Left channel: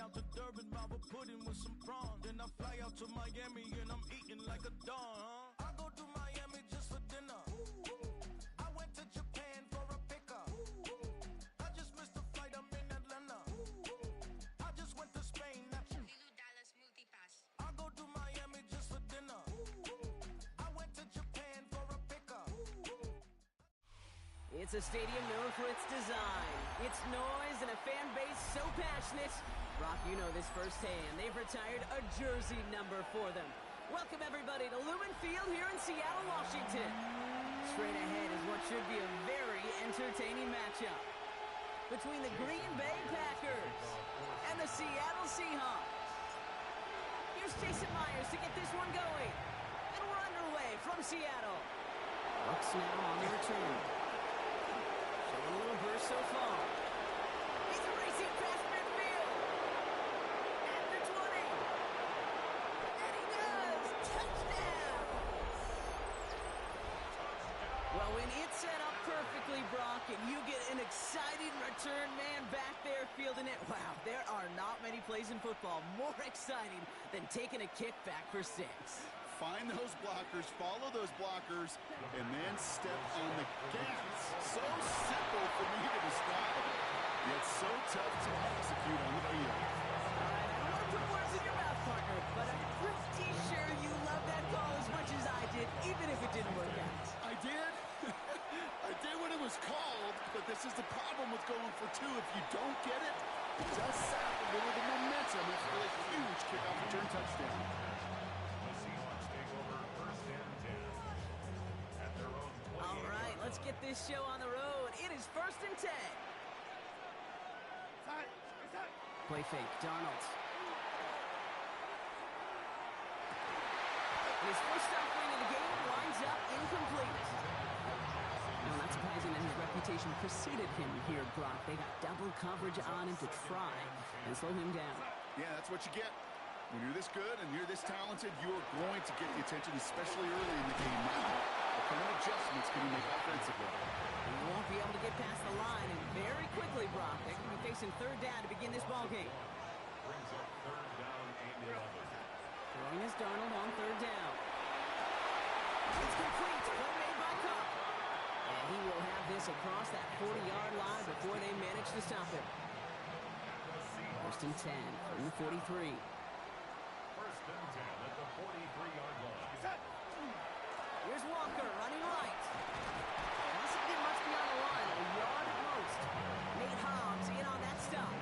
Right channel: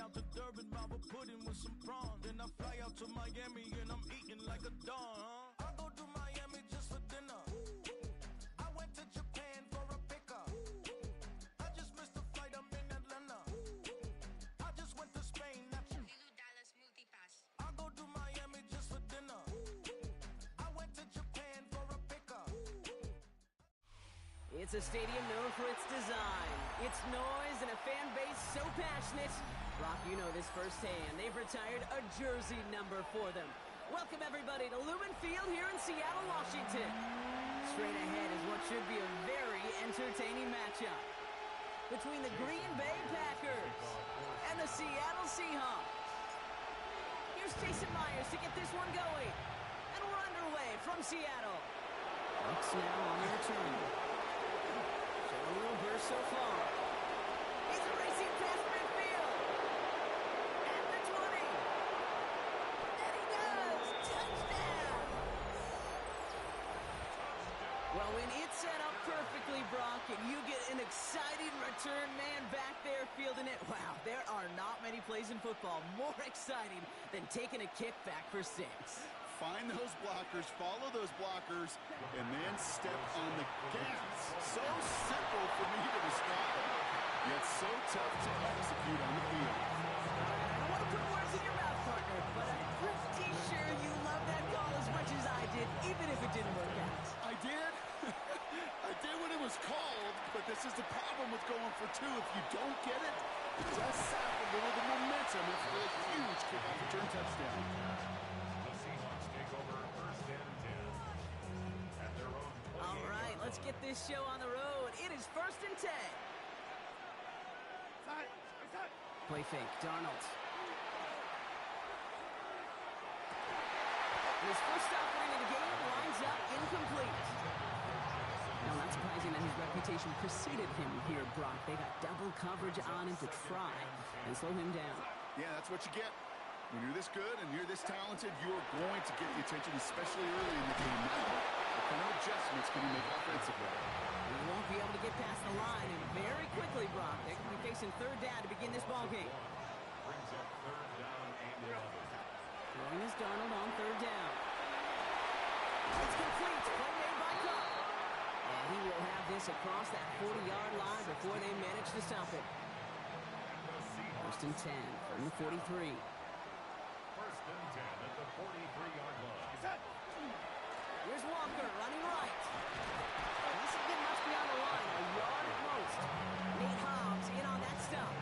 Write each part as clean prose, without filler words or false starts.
out to Durban, Baba pudding with some prawns. Then I fly out to Miami and I'm eating like a don, huh? I go to Miami just for dinner. I went to Japan for a pickup. I just missed the flight, I'm in Atlanta. I just went to Spain, that's Dallas Multipass. I go to Miami just for dinner. I went to Japan for a pickup. It's a stadium known for its design, its noise, and a fan base so passionate. Brock, you know this firsthand. They've retired a jersey number for them. Welcome, everybody, to Lumen Field here in Seattle, Washington. Straight ahead is what should be a very entertaining matchup between the Green Bay Packers and the Seattle Seahawks. Here's Jason Myers to get this one going. And we're underway from Seattle. Bucks now on the return. Showing a little burst so far. He's racing past midfield. At the 20. And he does. Touchdown. Well, when it's set up perfectly, Brock, and you get an exciting return man back there fielding it, wow, there are not many plays in football more exciting than taking a kick back for 6. Find those blockers, follow those blockers, and then step on the gas. So simple for me to describe, yet so tough to execute on the field. All right, I don't want to put words in your mouth, partner, but I'm pretty sure you love that call as much as I did, even if it didn't work out. I did? I did when it was called, but this is the problem with going for 2. If you don't get it, it does sap a little of the momentum for a huge kickoff return touchdown. Take over 1st and 10 at their own. All right, let's get this show on the road. It is 1st and 10. Play fake, Darnold. His first offering of the game winds up incomplete. No, not surprising that his reputation preceded him here, Brock. They got double coverage on him to try and slow him down. Yeah, that's what you get. When you're this good and you're this talented, you're going to get the attention, especially early in the game. Now, what kind of adjustments can you make offensively? And he won't be able to get past the line, and very quickly, Brock, they're going to be facing 3rd down to begin this ball game. Brings up 3rd down and 11. Throwing his Darnold on 3rd down. It's complete. Play made by Cup. And he will have this across that 40-yard line before they manage to stop it. 1st and 10 from the 43. 1st and 10 at the 43-yard line. Here's Walker running right. Doesn't get much beyond the line, a yard at most. Nate Hobbs in on that stop.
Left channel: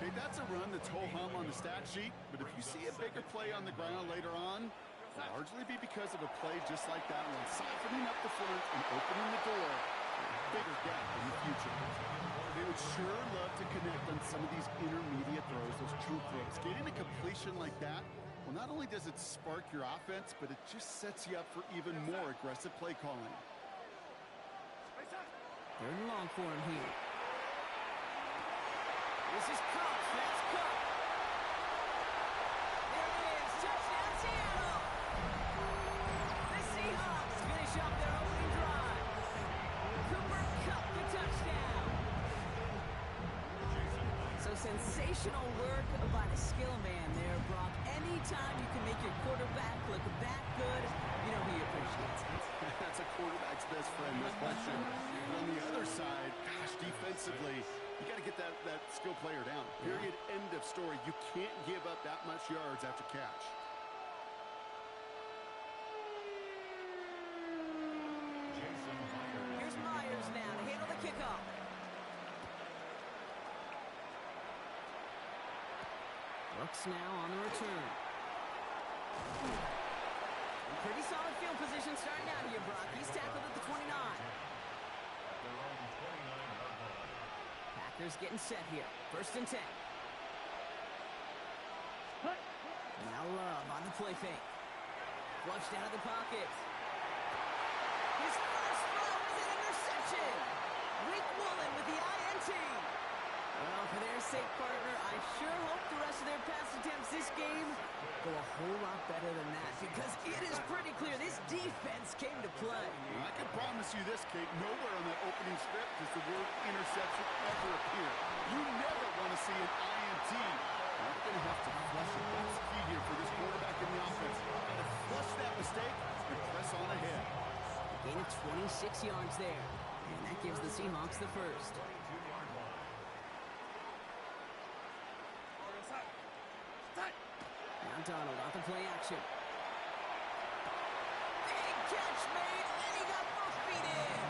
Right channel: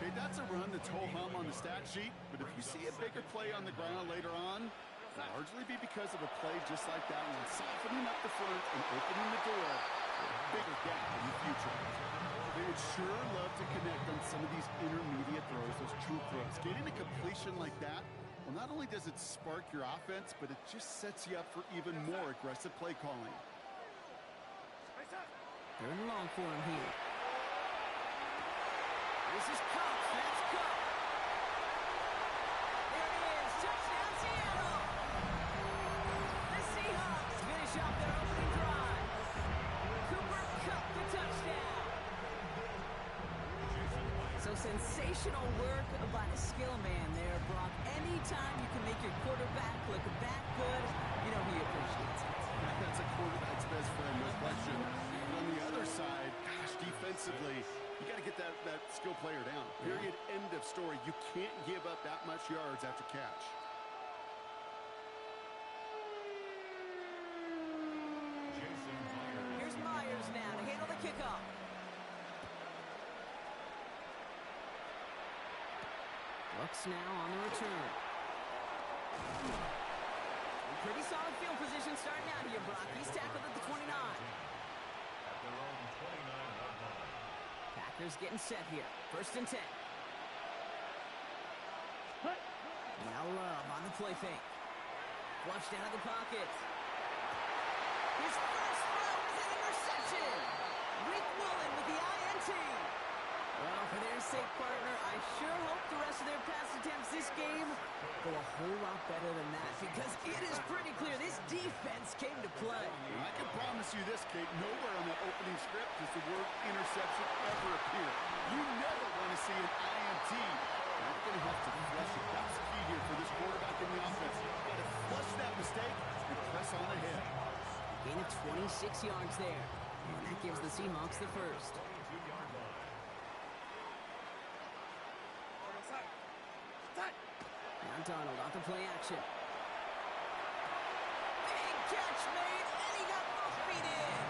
Okay, that's a run that's ho-hum on the stat sheet, but if you see a bigger play on the ground later on, it'll largely be because of a play just like that one, softening up the front and opening the door for a bigger gap in the future. They would sure love to connect on some of these intermediate throws, those true throws. Getting a completion like that, well, not only does it spark your offense, but it just sets you up for even more aggressive play calling. They're in long for him here. This is Cup. That's Cup. There it is. Touchdown, Seattle. The Seahawks finish off their opening drive. Cooper Kupp, the touchdown. So sensational work by the skill man there, Brock. Anytime you can make your quarterback look that good, you know he appreciates it. That's a quarterback's best friend, no question. But on the other side, gosh, defensively, you got to get that skill player down. Period, end of story. You can't give up that much yards after catch. Here's Myers now to handle the kickoff. Brooks now on the return. Pretty solid field position starting out here, Brock. He's tackled at the 29. At their own 29-yard line. Packers getting set here. 1st and 10. Now Love on the play fake. Flushed out of the pocket. His first throw is an interception. Rick Woolen with the INT. Well, for their sake, partner, I sure hope the rest of their pass attempts this game go a whole lot better than that, because it is pretty clear this defense came to play. I can promise you this, Kate, nowhere on that opening script does the word interception ever appear. You never want to see an INT. Now we're going to have to flush it. That's key here for this quarterback in the offense. Got to flush that mistake and press on ahead. A gain of 26 yards there, and that gives the Seahawks the first. Now Donald off the play action. Big catch made, and he got both feet in.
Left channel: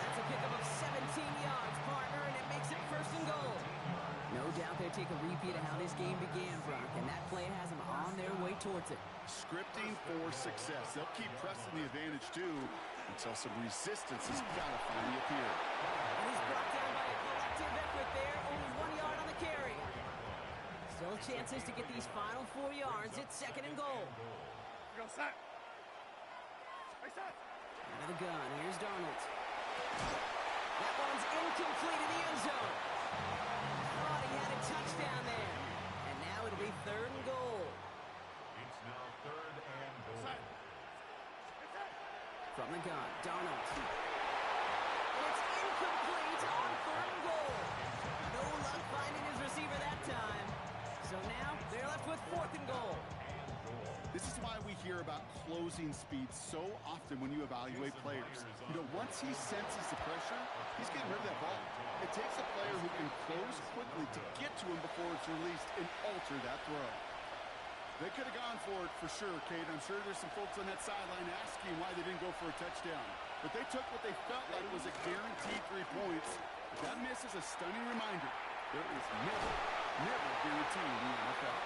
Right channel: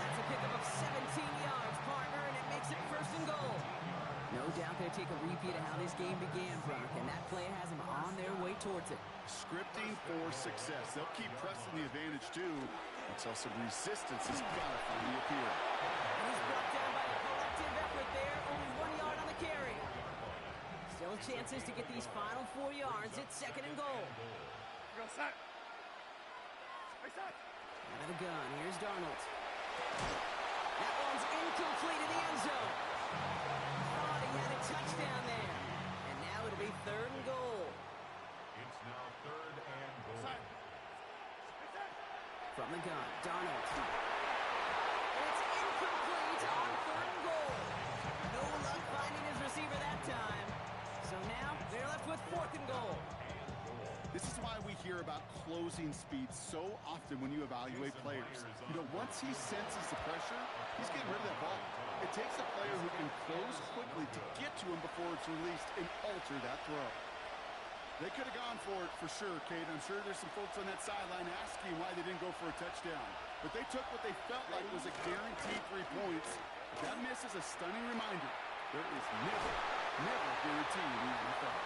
That's a pickup of 17 yards, partner, and it makes it first and goal. No doubt they take a repeat of how this game began, Brock, and that play has them on their way towards it. Scripting for success. They'll keep pressing the advantage, too, until some resistance has got to finally appear. And he's brought down by a collective effort there, only 1 yard on the carry. Still chances to get these final 4 yards. It's second and goal. Out of the gun, here's Darnold. That one's incomplete in the end zone. Thought he had a touchdown there. And now it'll be third and goal. It's now third and goal. From the gun, Darnold. And it's incomplete on third and goal. No luck finding his receiver that time. So now they're left with fourth and goal. This is why we hear about closing speed so often when you evaluate players. You know, once he senses the pressure, he's getting rid of that ball. It takes a player who can close quickly to get to him before it's released and alter that throw. They could have gone for it for sure, Kate. I'm sure there's some folks on that sideline asking why they didn't go for a touchdown. But they took what they felt like was a guaranteed 3 points. That miss is a stunning reminder. There is never a guarantee in the NFL.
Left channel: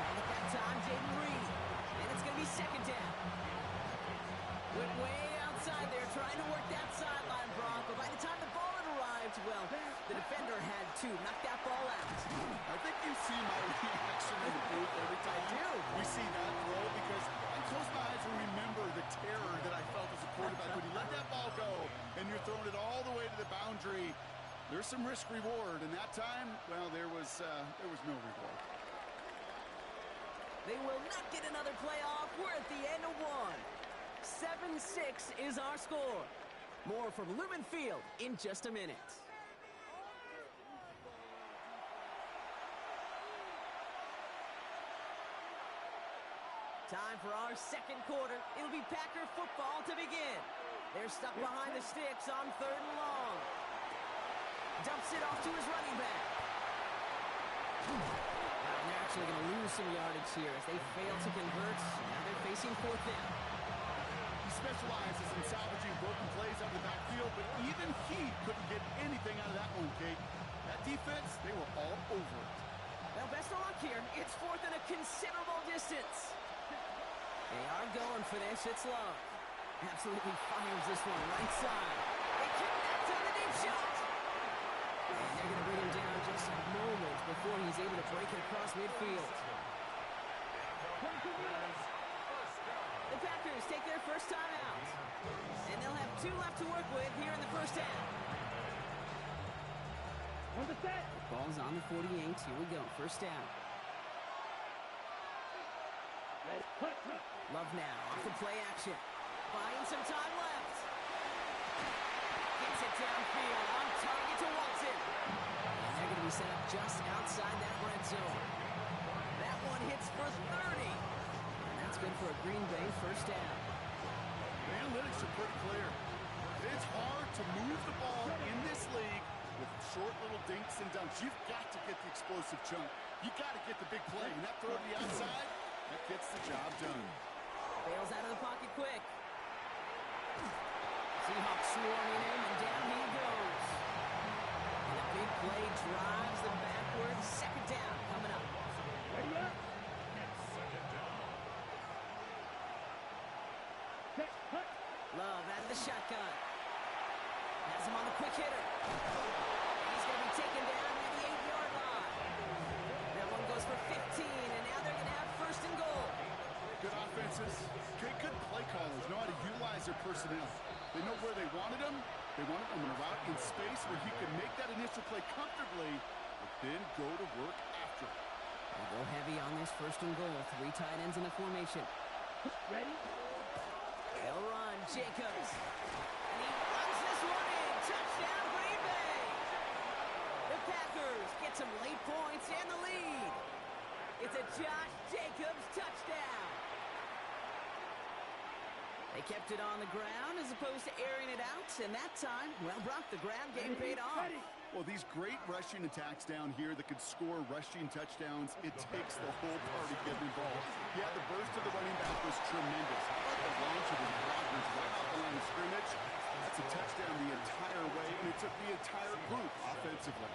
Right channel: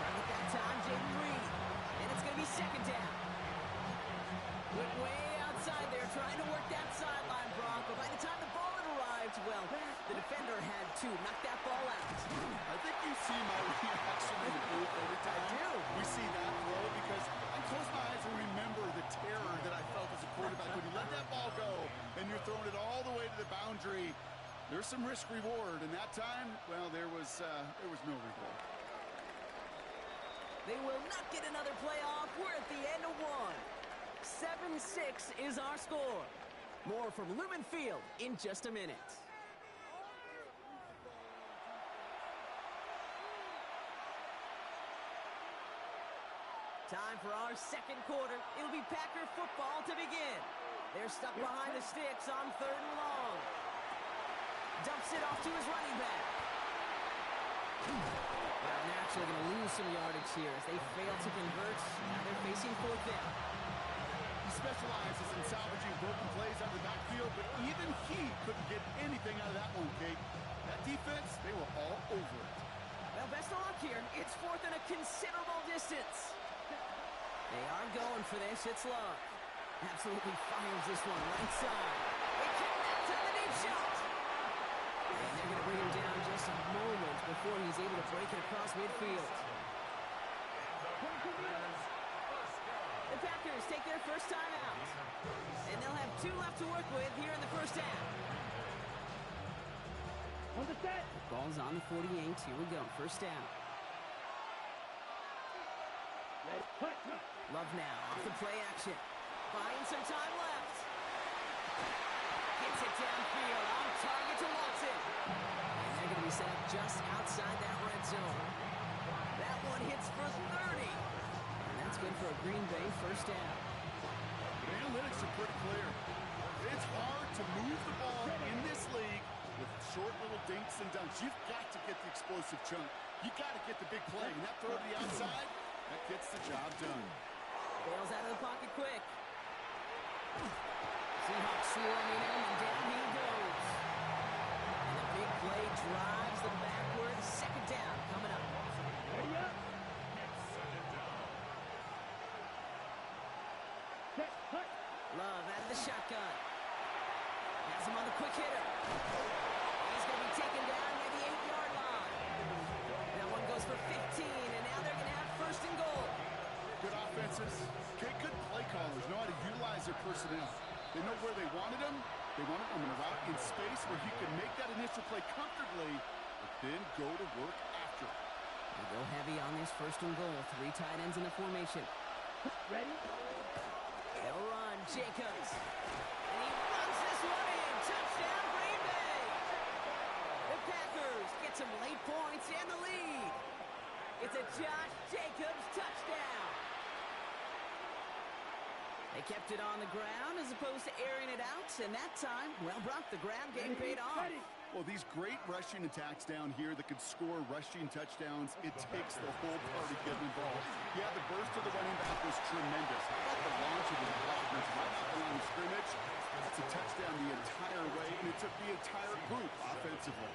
Trying at that time, Jaden Reed. And it's going to be second down. Went way outside there, trying to work that sideline, Brock. But by the time the ball had arrived, well, the defender had to knock that ball out. I think you see my reaction in the booth every time I do. we see that throw, because I close my eyes and remember the terror that I felt as a quarterback when you let that ball go and you're throwing it all the way to the boundary. There's some risk reward, and that time, well, there was no reward. They will not get another playoff. We're at the end of one. 7-6 is our score. More from Lumen Field in just a minute. Time for our second quarter. It'll be Packer football to begin. They're stuck behind the sticks on third and long. Dumps it off to his running back. Wow, and they're actually going to lose some yardage here as they fail to convert. Now they're facing fourth down. He specializes in salvaging broken plays out of the backfield, but even he couldn't get anything out of that one, Kate. That defense, they were all over it. Well, best of luck here. It's fourth and a considerable distance. They are going for this. It's Love. Absolutely fires this one right side. They connect on the deep shot. And they're going to bring him down just a moment before he's able to break it across midfield. The Packers take their first time out. And they'll have 2 left to work with here in the first half. On the set. The ball's on the 48. Here we go. First down. Love now off the play action. Buying some time left. Gets it downfield on target to Watson. And they're going to be set up just outside that red zone. That one hits for 30. And that's good for a Green Bay first down. The analytics are pretty clear. It's hard to move the ball in this league with short little dinks and dunks. You've got to get the explosive chunk. You got to get the big play. And that throw to the outside, that gets the job done. Bails out of the pocket quick. Seahawks swarming him, and down he goes. And a big play drives them backward. Second down coming up. Ready up. Love out of the shotgun. Has him on the quick hitter. He's going to be taken down near the 8-yard line. That one goes for 15, and now they're going to have first and goal. Good offenses. Good play callers know how to utilize their personnel. They know where they wanted them, They wanted him in a route in space where he could make that initial play comfortably, but then go to work after. They go heavy on this 1st and goal. 3 tight ends in the formation. Ready? They'll run. Jacobs. And he runs this one in. Touchdown, Green Bay. The Packers get some late points and the lead. It's a Josh Jacobs touchdown. They kept it on the ground as opposed to airing it out, and that time, well, Brock, the ground game paid off. Well, these great rushing attacks down here that could score rushing touchdowns, it takes the whole party getting involved. Yeah, the burst of the running back was tremendous. How about the launch of his blockers right off the line of scrimmage? That's a touchdown the entire way, and it took the entire group offensively.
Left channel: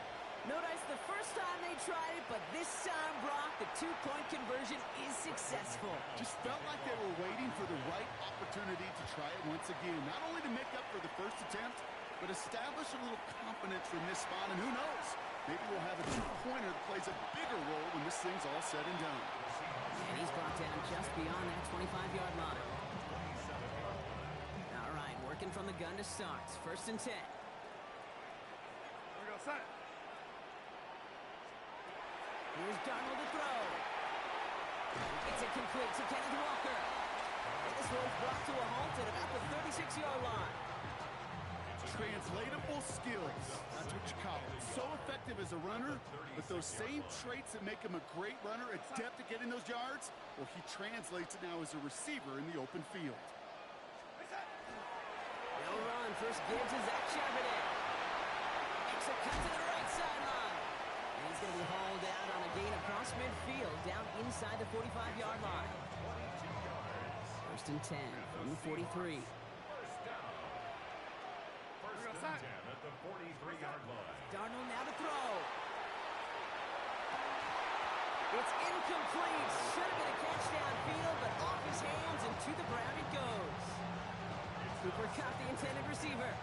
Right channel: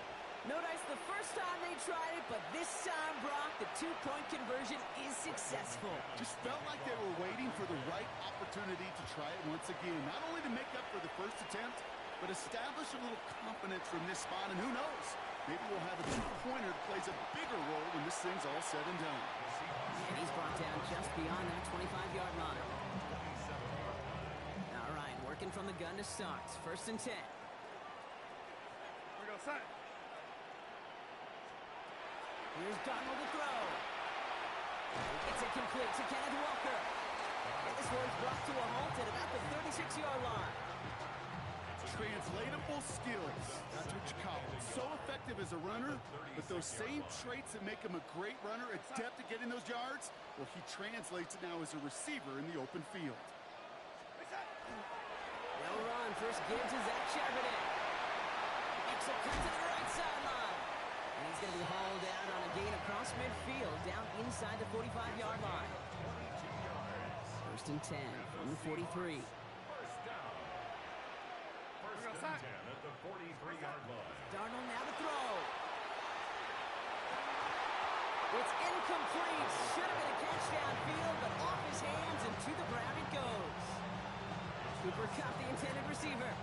Notice the first time they tried it, but this time, Brock, the 2-point conversion is successful. Just felt like they were waiting for the right opportunity to try it once again. Not only to make up for the first attempt, but establish a little confidence from this spot. And who knows, maybe we'll have a 2-pointer that plays a bigger role when this thing's all said and done. And he's brought down just beyond that 25-yard line. All right, working from the gun to start. 1st and 10. We go, set. Here's Darnold to throw. It's incomplete to Kenneth Walker. And this one's brought to a halt at about the 36-yard line. Translatable skills. That's what you call it. So effective as a runner, but those same traits that make him a great runner, adept at getting those yards, well, he translates it now as a receiver in the open field. They'll run. First give to Zach Charbonnet. Extra cut to the right sideline. And he's going to be hauled out on a gain across midfield, down inside the 45-yard line. 1st and 10 from the 43. First and 10 at the 43-yard line. Darnold now to throw. It's incomplete. Should have been a catch downfield, but off his hands and to the ground it goes. Cooper Kupp, the intended receiver.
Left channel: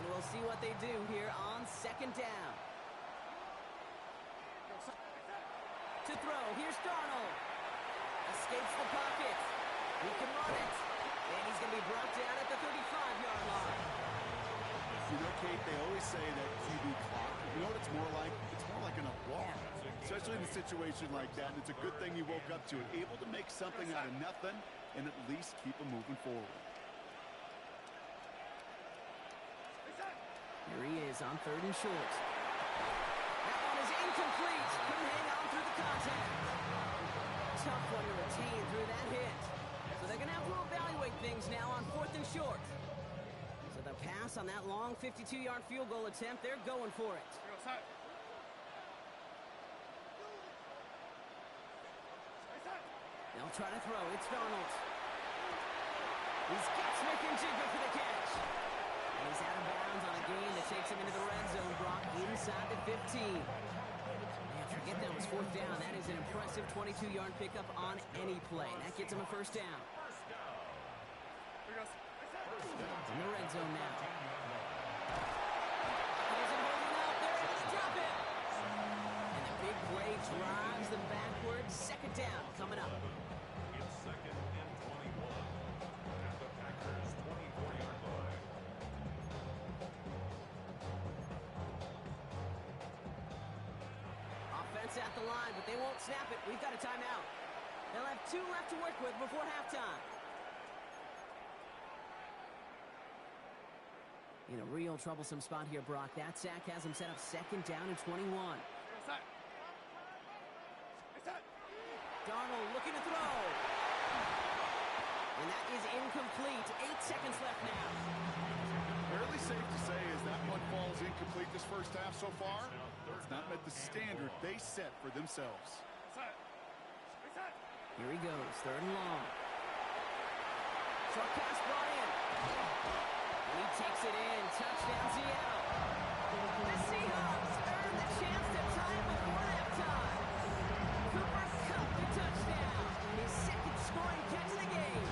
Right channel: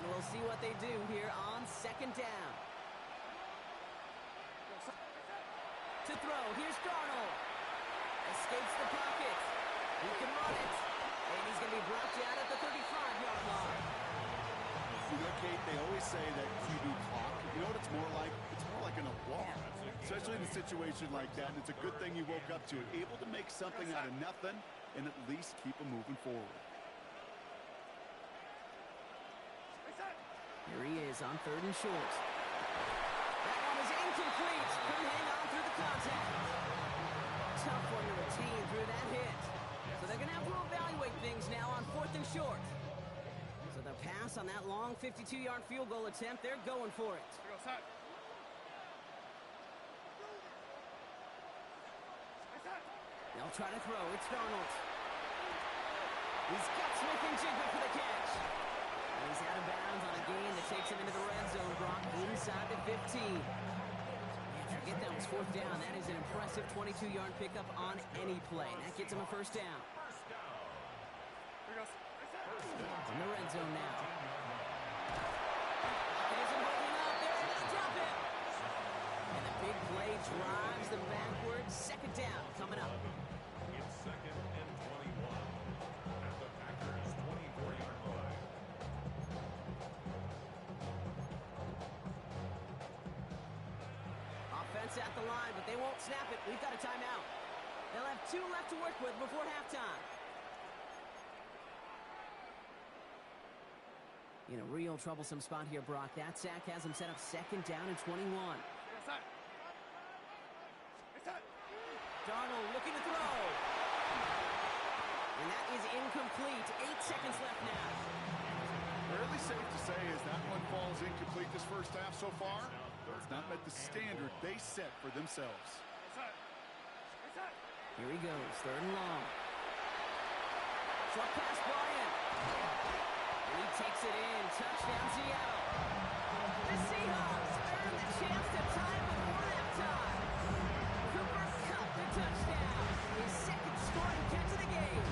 And we'll see what they do here on 2nd down. To throw, here's Darnold. Escapes the pocket. He can run it. And he's going to be brought down at the 35-yard line. You know, Kate, they always say that QB clock, you know what it's more like? It's more like an alarm, especially in a situation like that. And it's a good thing you woke up to it, able to make something out of nothing and at least keep them moving forward. Here he is on 3rd and short. That one is incomplete. Couldn't hang on through the contact. Tough one to retain through that hit. So they're going to have to evaluate things now on 4th and short. So the pass on that long 52-yard field goal attempt, they're going for it. We go, set. They'll try to throw. It's Darnold. He's got Smith and Jigba for the catch. And he's out of bounds on a gain that takes him into the red zone, Brock, inside the 15. Man, forget that was 4th down. That is an impressive 22-yard pickup on any play. That gets him a 1st down. In the red zone now. It isn't holding up. They're able to drop it. And the big play drives them backwards. 2nd down coming up. It's 2nd and 21 at the Packers' 24-yard line. Offense at the line, but they won't snap it. We've got a timeout. They'll have 2 left to work with before halftime. In a real troublesome spot here, Brock. That sack has him set up 2nd down and 21. Darnold looking to throw. And that is incomplete. 8 seconds left now. Fairly safe to say as that one falls incomplete this first half so far. It's not met the standard they set for themselves. Here he goes, 3rd and long. Short pass brought in. And he takes it in. Touchdown, Seattle. The Seahawks earn the chance to tie before halftime. Cooper Kupp, the touchdown. His 2nd scoring catch of the game.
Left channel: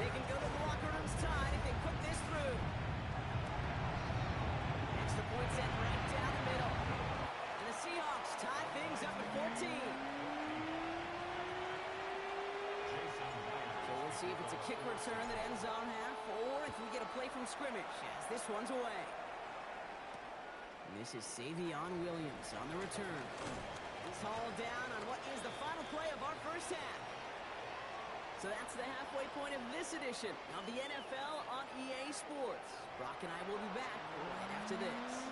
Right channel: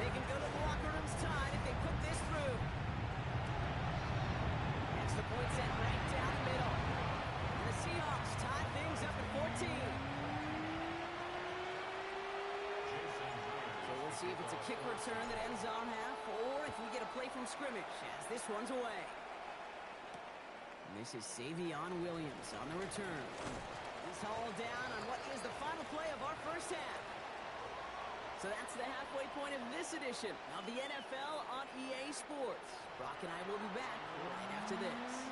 They can go to the locker rooms tied if they put this through. Extra point set right down the middle. And the Seahawks tie things up at 14. So we'll see if it's a kick return that ends on half, or if we get a play from scrimmage as this one's away. And this is Savion Williams on the return. He's hauled down on what is the final play of our first half. So that's the halfway point of this edition of the NFL on EA Sports. Brock and I will be back right after this.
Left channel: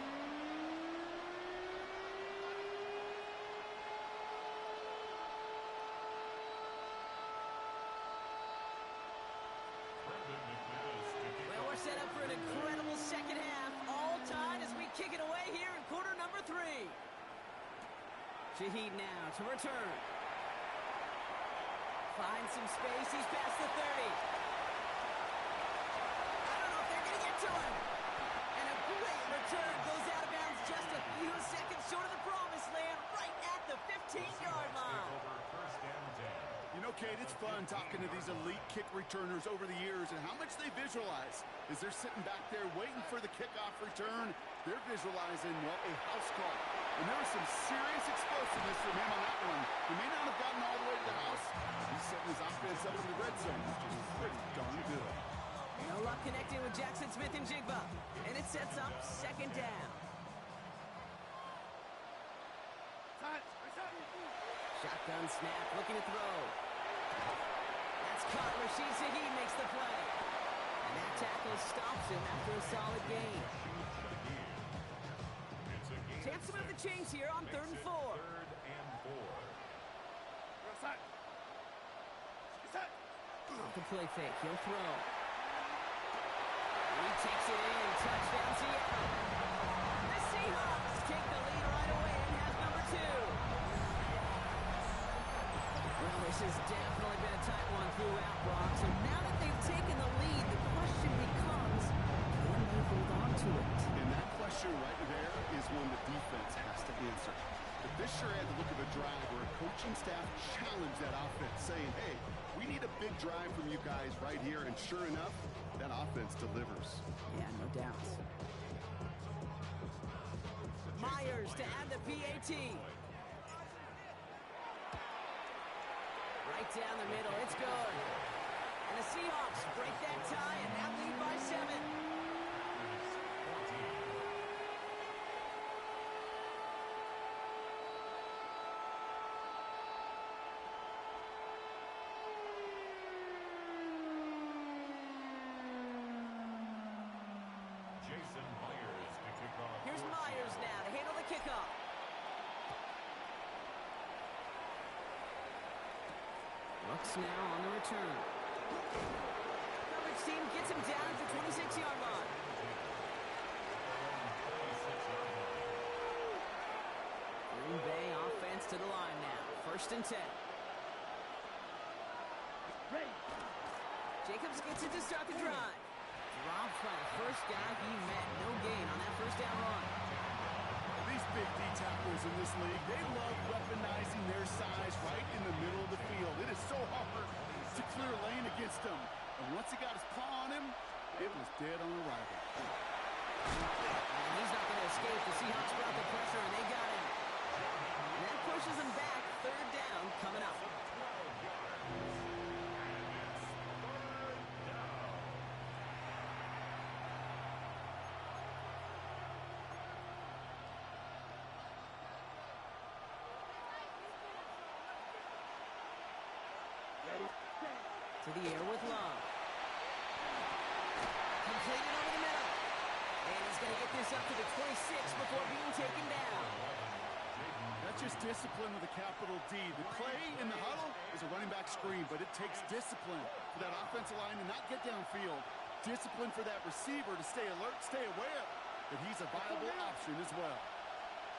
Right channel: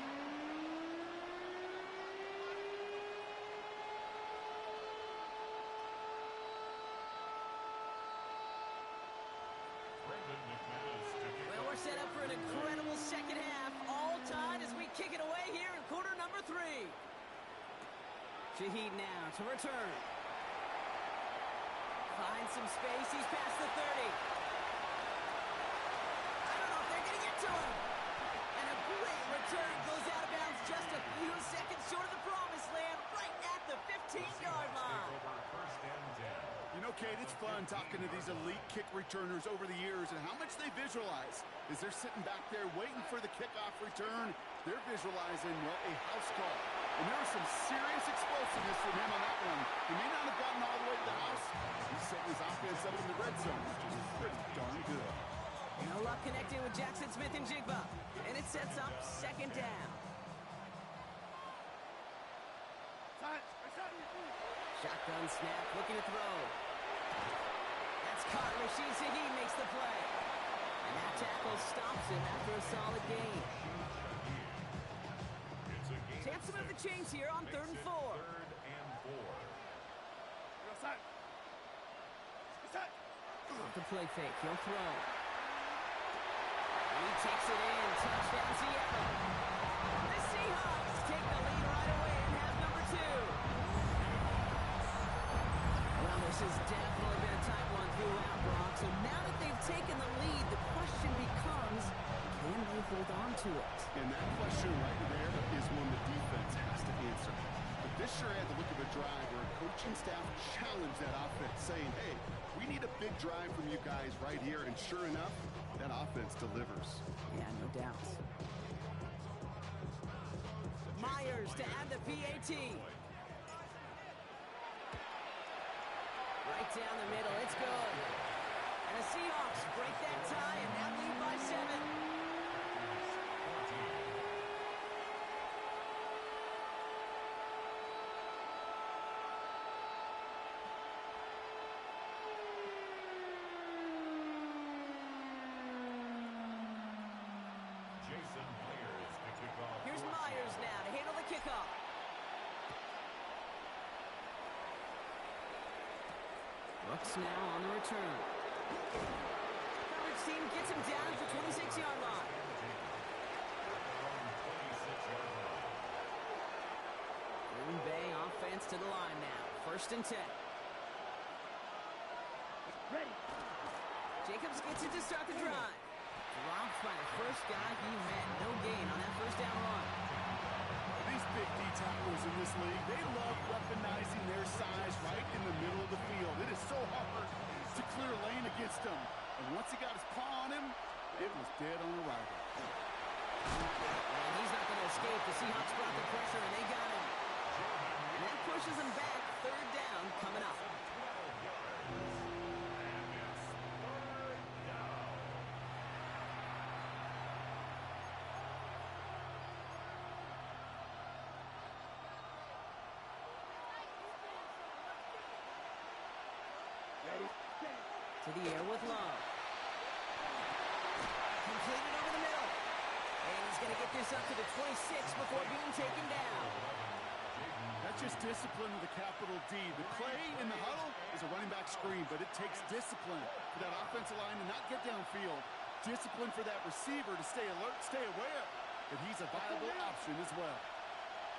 Well, we're set up for an incredible second half. All tied as we kick it away here in quarter number 3. Shaheed now to return. Finds some space. He's past the 30. I don't know if they're going to get to him. And a great return goes out of bounds just a few seconds short of the promised land, right at the 15-yard line. You know, Kate, it's fun talking to these elite kick returners over the years and how much they visualize. As they're sitting back there waiting for the kickoff return, they're visualizing, well, a house call. And there was some serious explosiveness from him on that one. He may not have gotten all the way to the house. He's setting his offense up in the red zone, which is pretty darn good. No luck connecting with Jackson Smith and Jigba. And it sets up second down. Shotgun snap, looking to throw. That's caught. Rashid Shaheed makes the play. And that tackle stops him after a solid gain. Chance to move the chains here on 3rd and 4. Off the play fake, he'll throw. He takes it in. Touchdown, Seattle. The Seahawks take the lead right away and have number 2. Well, this has definitely been a tight one throughout, Brock. So now that they've taken the lead, the question becomes, can they hold on to it? And that question right there is one the defense has to answer. But this sure had the look of a drive where a coaching staff challenged that offense, saying, hey, we need a big drive from you guys right here. And sure enough, that offense delivers. Yeah, no doubt. Myers to add the PAT. Right down the middle, it's good. And the Seahawks break that tie and now lead by 7. Here's Myers now to handle the kickoff. Brooks now on the return. Coverage team gets him down at the 26-yard line. Green Bay offense to the line now. 1st and 10. Ready. Jacobs gets it to start the drive. Dropped by the first guy he met. No gain on that 1st down run. These big D tackles in this league, they love weaponizing their size right in the middle of the field. It is so hard to clear a lane against him. And once he got his paw on him, it was dead on arrival. And he's not going to escape. The Seahawks brought the pressure, and they got him. And that pushes him back. 3rd down coming up. To the air with Love. Completed over the middle. And he's going to get this up to the 26 before being taken down. That's just discipline with a capital D. The play in the huddle is a running back screen, but it takes discipline for that offensive line to not get downfield. Discipline for that receiver to stay alert, stay aware that he's a viable option as well.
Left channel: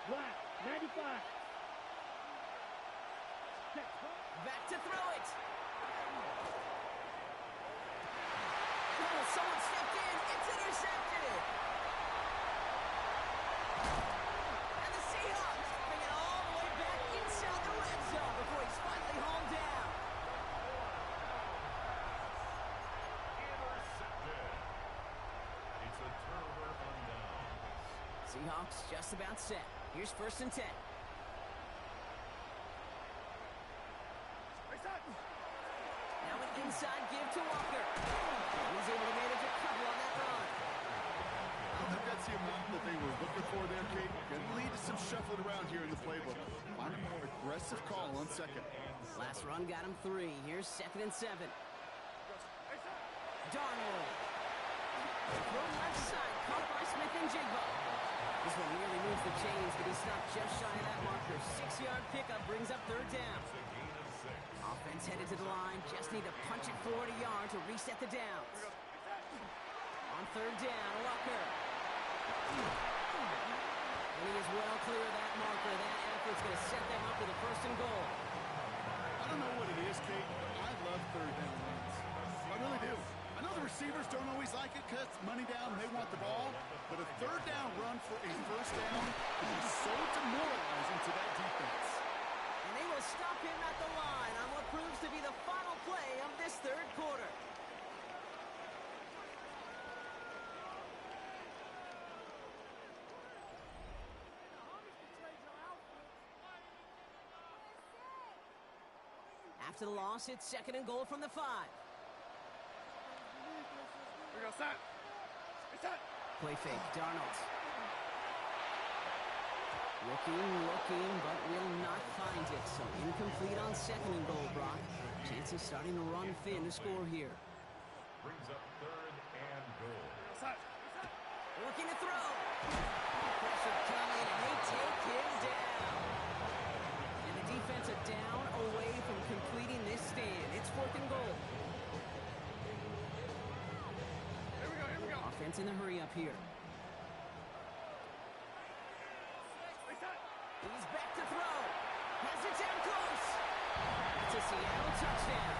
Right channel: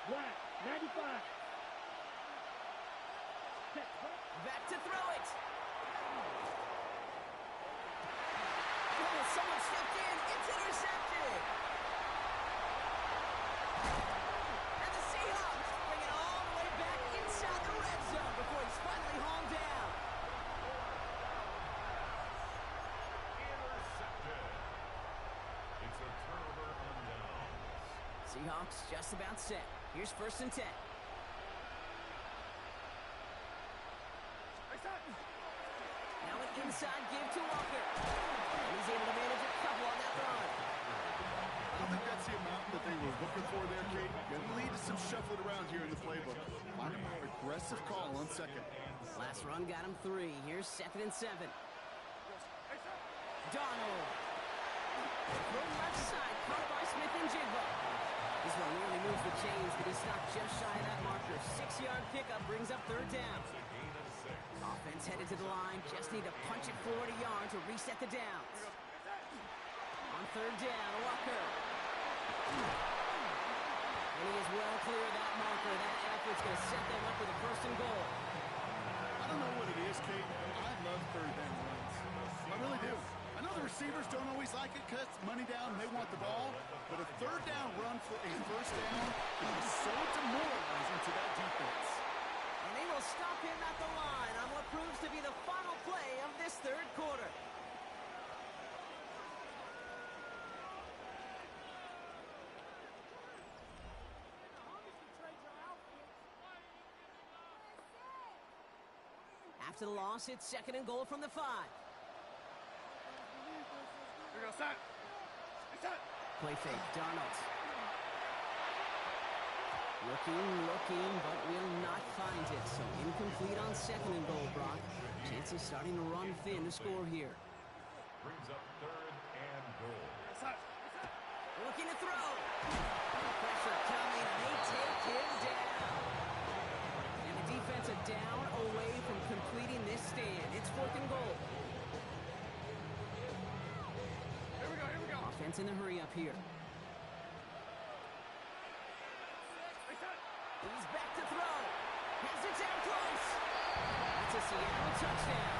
Black, 95. Back to throw it. Oh, someone stepped in. It's intercepted. And the Seahawks bring it all the way back inside the red zone before he's finally hauled down. Intercepted. It's a turnover on downs. Seahawks just about set. Here's 1st and 10. Now an inside give to Walker. And he's able to manage a couple on that run. route that they were looking for there, Kate. Going to lead to some shuffling around here in the playbook. Find a more aggressive call on second. Last run got him 3. Here's 2nd and 7. Darnold. Throw left side, caught by Smith and Jigba. This one nearly moves the chains, but he stopped just shy of that marker. 6-yard pickup brings up 3rd down. Offense headed to the line, just need to punch it forward a yard to reset the downs. On 3rd down, Walker. And he is well clear of that marker. That effort's going to set them up with a 1st and goal. I don't know what it is, Kate, but I love 3rd down runs. I really do. I know the receivers don't always like it because money down, they want the ball, but a 3rd down run for a 1st down can be so demoralizing to that defense. And they will stop him at the line on what proves to be the final play of this 3rd quarter. After the loss, it's 2nd and goal from the 5. Play fake, Darnold. Looking, but will not find it. So incomplete on 2nd and goal, Brock. Chances starting to run thin to score here. Brings up 3rd and goal. Looking to throw. Pressure coming, and they take him down. And the defense a down away from completing this stand. It's 4th and goal. Here we go. Offense in the hurry up here. He's back to throw. Has it down close. That's a Seattle touchdown.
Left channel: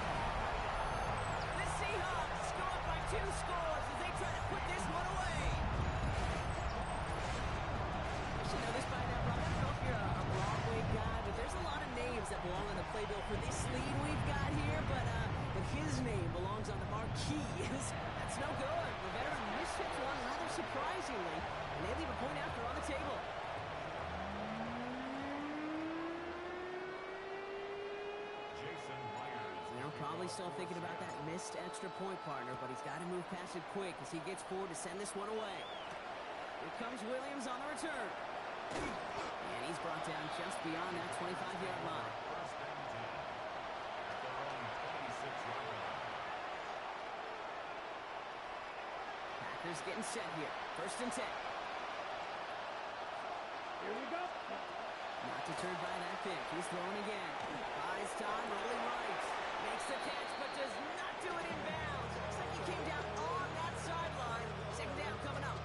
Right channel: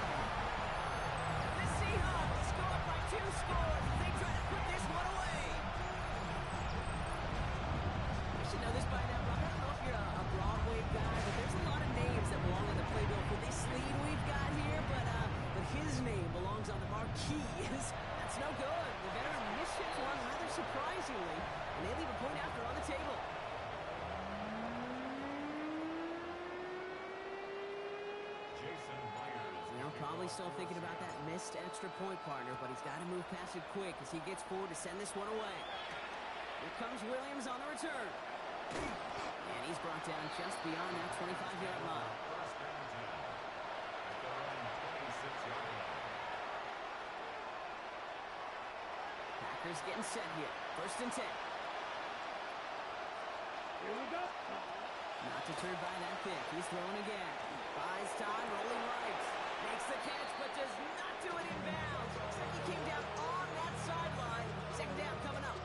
The Seahawks go up by 2 scores as they try to put this one away. I should know this by now, Brock. I don't know if you're a Broadway guy, but there's a lot of names that belong on the playbill for this lead we've got here, but his name belongs on the marquee. That's no good. The veteran mishits one rather surprisingly, and they leave a point after on the table. Probably still thinking about that missed extra point, partner, but he's got to move past it quick as he gets forward to send this one away. Here comes Williams on the return. And he's brought down just beyond that 25-yard line. 1st and 10 at their own 26-yard line. Packers getting set here. 1st and 10. Here we go. Not deterred by that pick. He's throwing again. Buys time, rolling right. Makes the catch, but does not do it in bounds. Looks like he came down on that sideline. 2nd down coming up.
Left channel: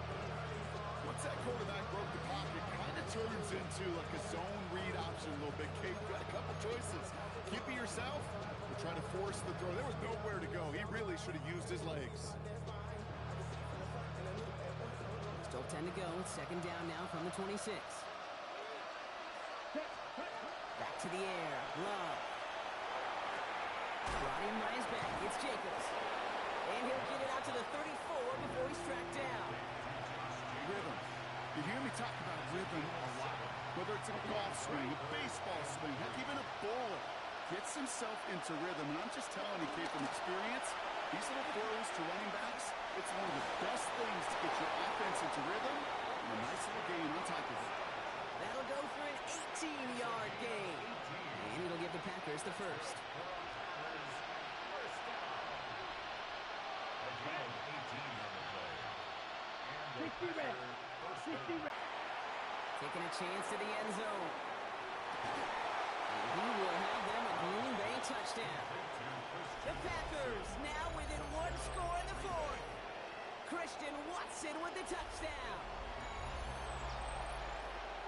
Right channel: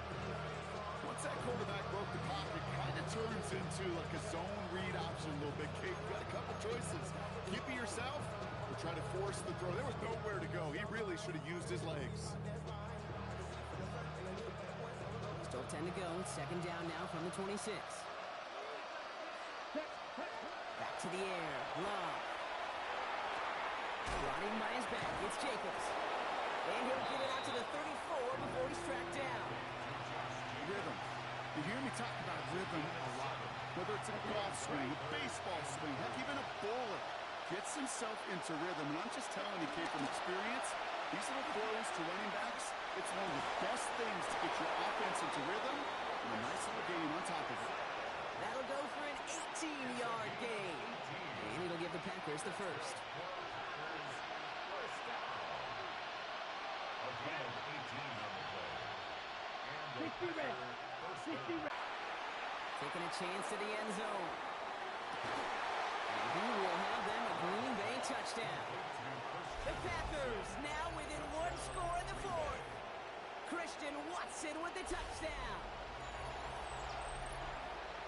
Once that quarterback broke the pocket, kind of turns into like a zone read option a little bit. Kate, you got a couple choices. Keep it yourself or try to force the throw. There was nowhere to go. He really should have used his legs. Still 10 to go. It's 2nd down now from the 26. Back to the air. Love. Brought in by his back. It's Jacobs. And he'll get it out to the 34 before he's tracked down. Rhythm. You hear me talk about rhythm a lot. Whether it's a golf swing, a baseball swing, heck, even a bowler. Gets himself into rhythm. And I'm just telling you, Kate, from experience, these little throws to running backs, it's one of the best things to get your offense into rhythm and a nice little gain on top of it. That'll go for an 18-yard gain. And it'll give the Packers the 1st. Again, 18 on the play. And 60 red. 60 red. Taking a chance to the end zone. And he will have them a Green Bay touchdown. The Packers now within 1 score in the 4th. Christian Watson with the touchdown.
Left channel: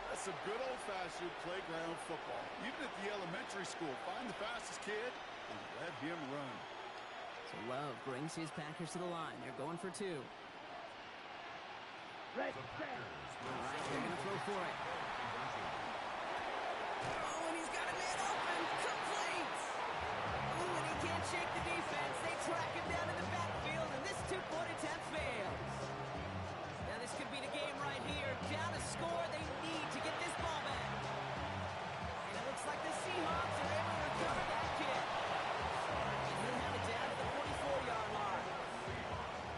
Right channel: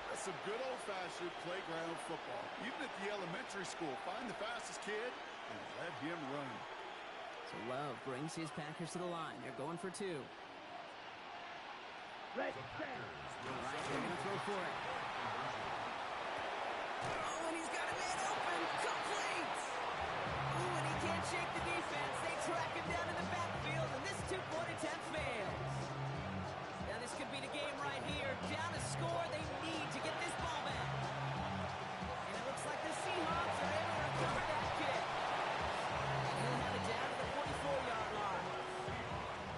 That's some good old-fashioned playground football. Even at the elementary school, find the fastest kid and let him run. So Love brings his Packers to the line. They're going for 2. Red. All right, they're going to throw for it. Oh, and he's got a man open. Complete. Ooh, and he can't shake the defense. They track him down in the backfield, and this 2-point attempt fails. Now this could be the game right here. Down a score. They need to get this ball back. And it looks like the Seahawks are able to recover that kick. And he'll have it down to the 44-yard line.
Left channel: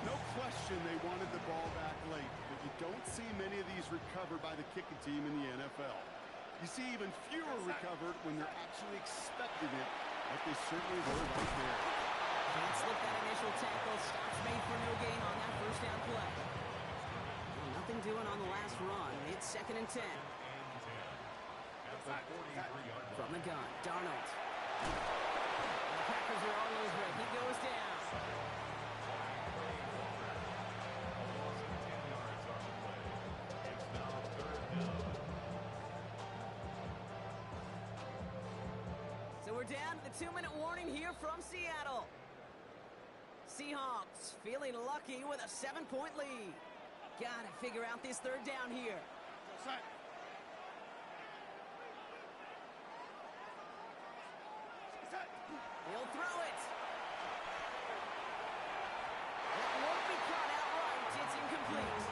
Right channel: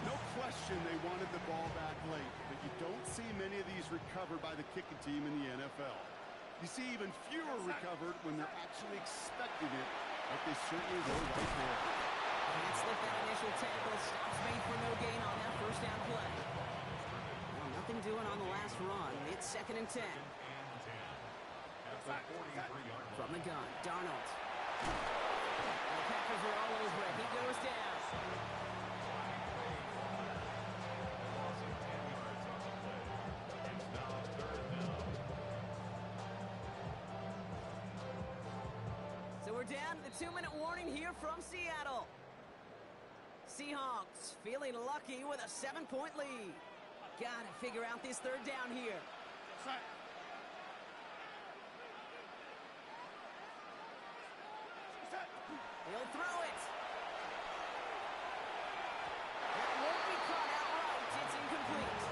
No question indication they wanted the ball back late, but you don't see many of these recovered by the kicking team in the NFL. You see even fewer recovered when they're actually expecting it, like they certainly were right there. Can't slip that initial tackle. Stops made for no gain on that first down play. Well, nothing doing on the last run. It's 2nd and 10. At the 43-yard line. From the gun, Darnold. And the Packers are all over it. He goes down. A loss of 10 yards on the play. It's now 3rd down. So we're down to the 2-minute warning here from Seattle. Seahawks feeling lucky with a 7-point lead. Gotta figure out this 3rd down here. He'll throw it. That won't be caught outright. It's incomplete.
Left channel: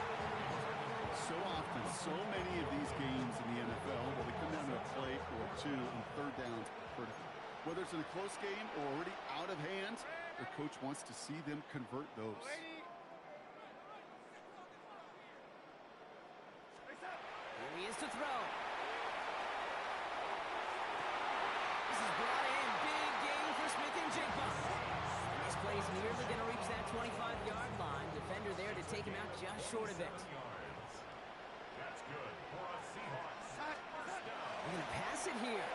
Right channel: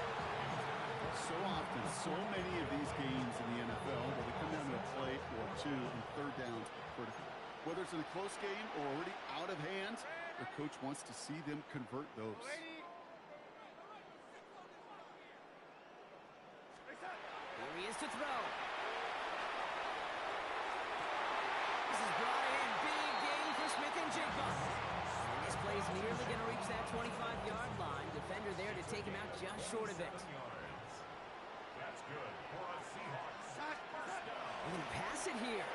So often, so many of these games in the NFL, well, they come down to a play or two, and 3rd downs are critical. Whether it's in a close game or already out of hand, their coach wants to see them convert those. Here he is to throw. This is brought in. Big gain for Smith and Jigba. And this play is nearly going to reach that 25-yard line. Defender there to take him out just short of it. That's good for a Seahawks. We're going to pass it here.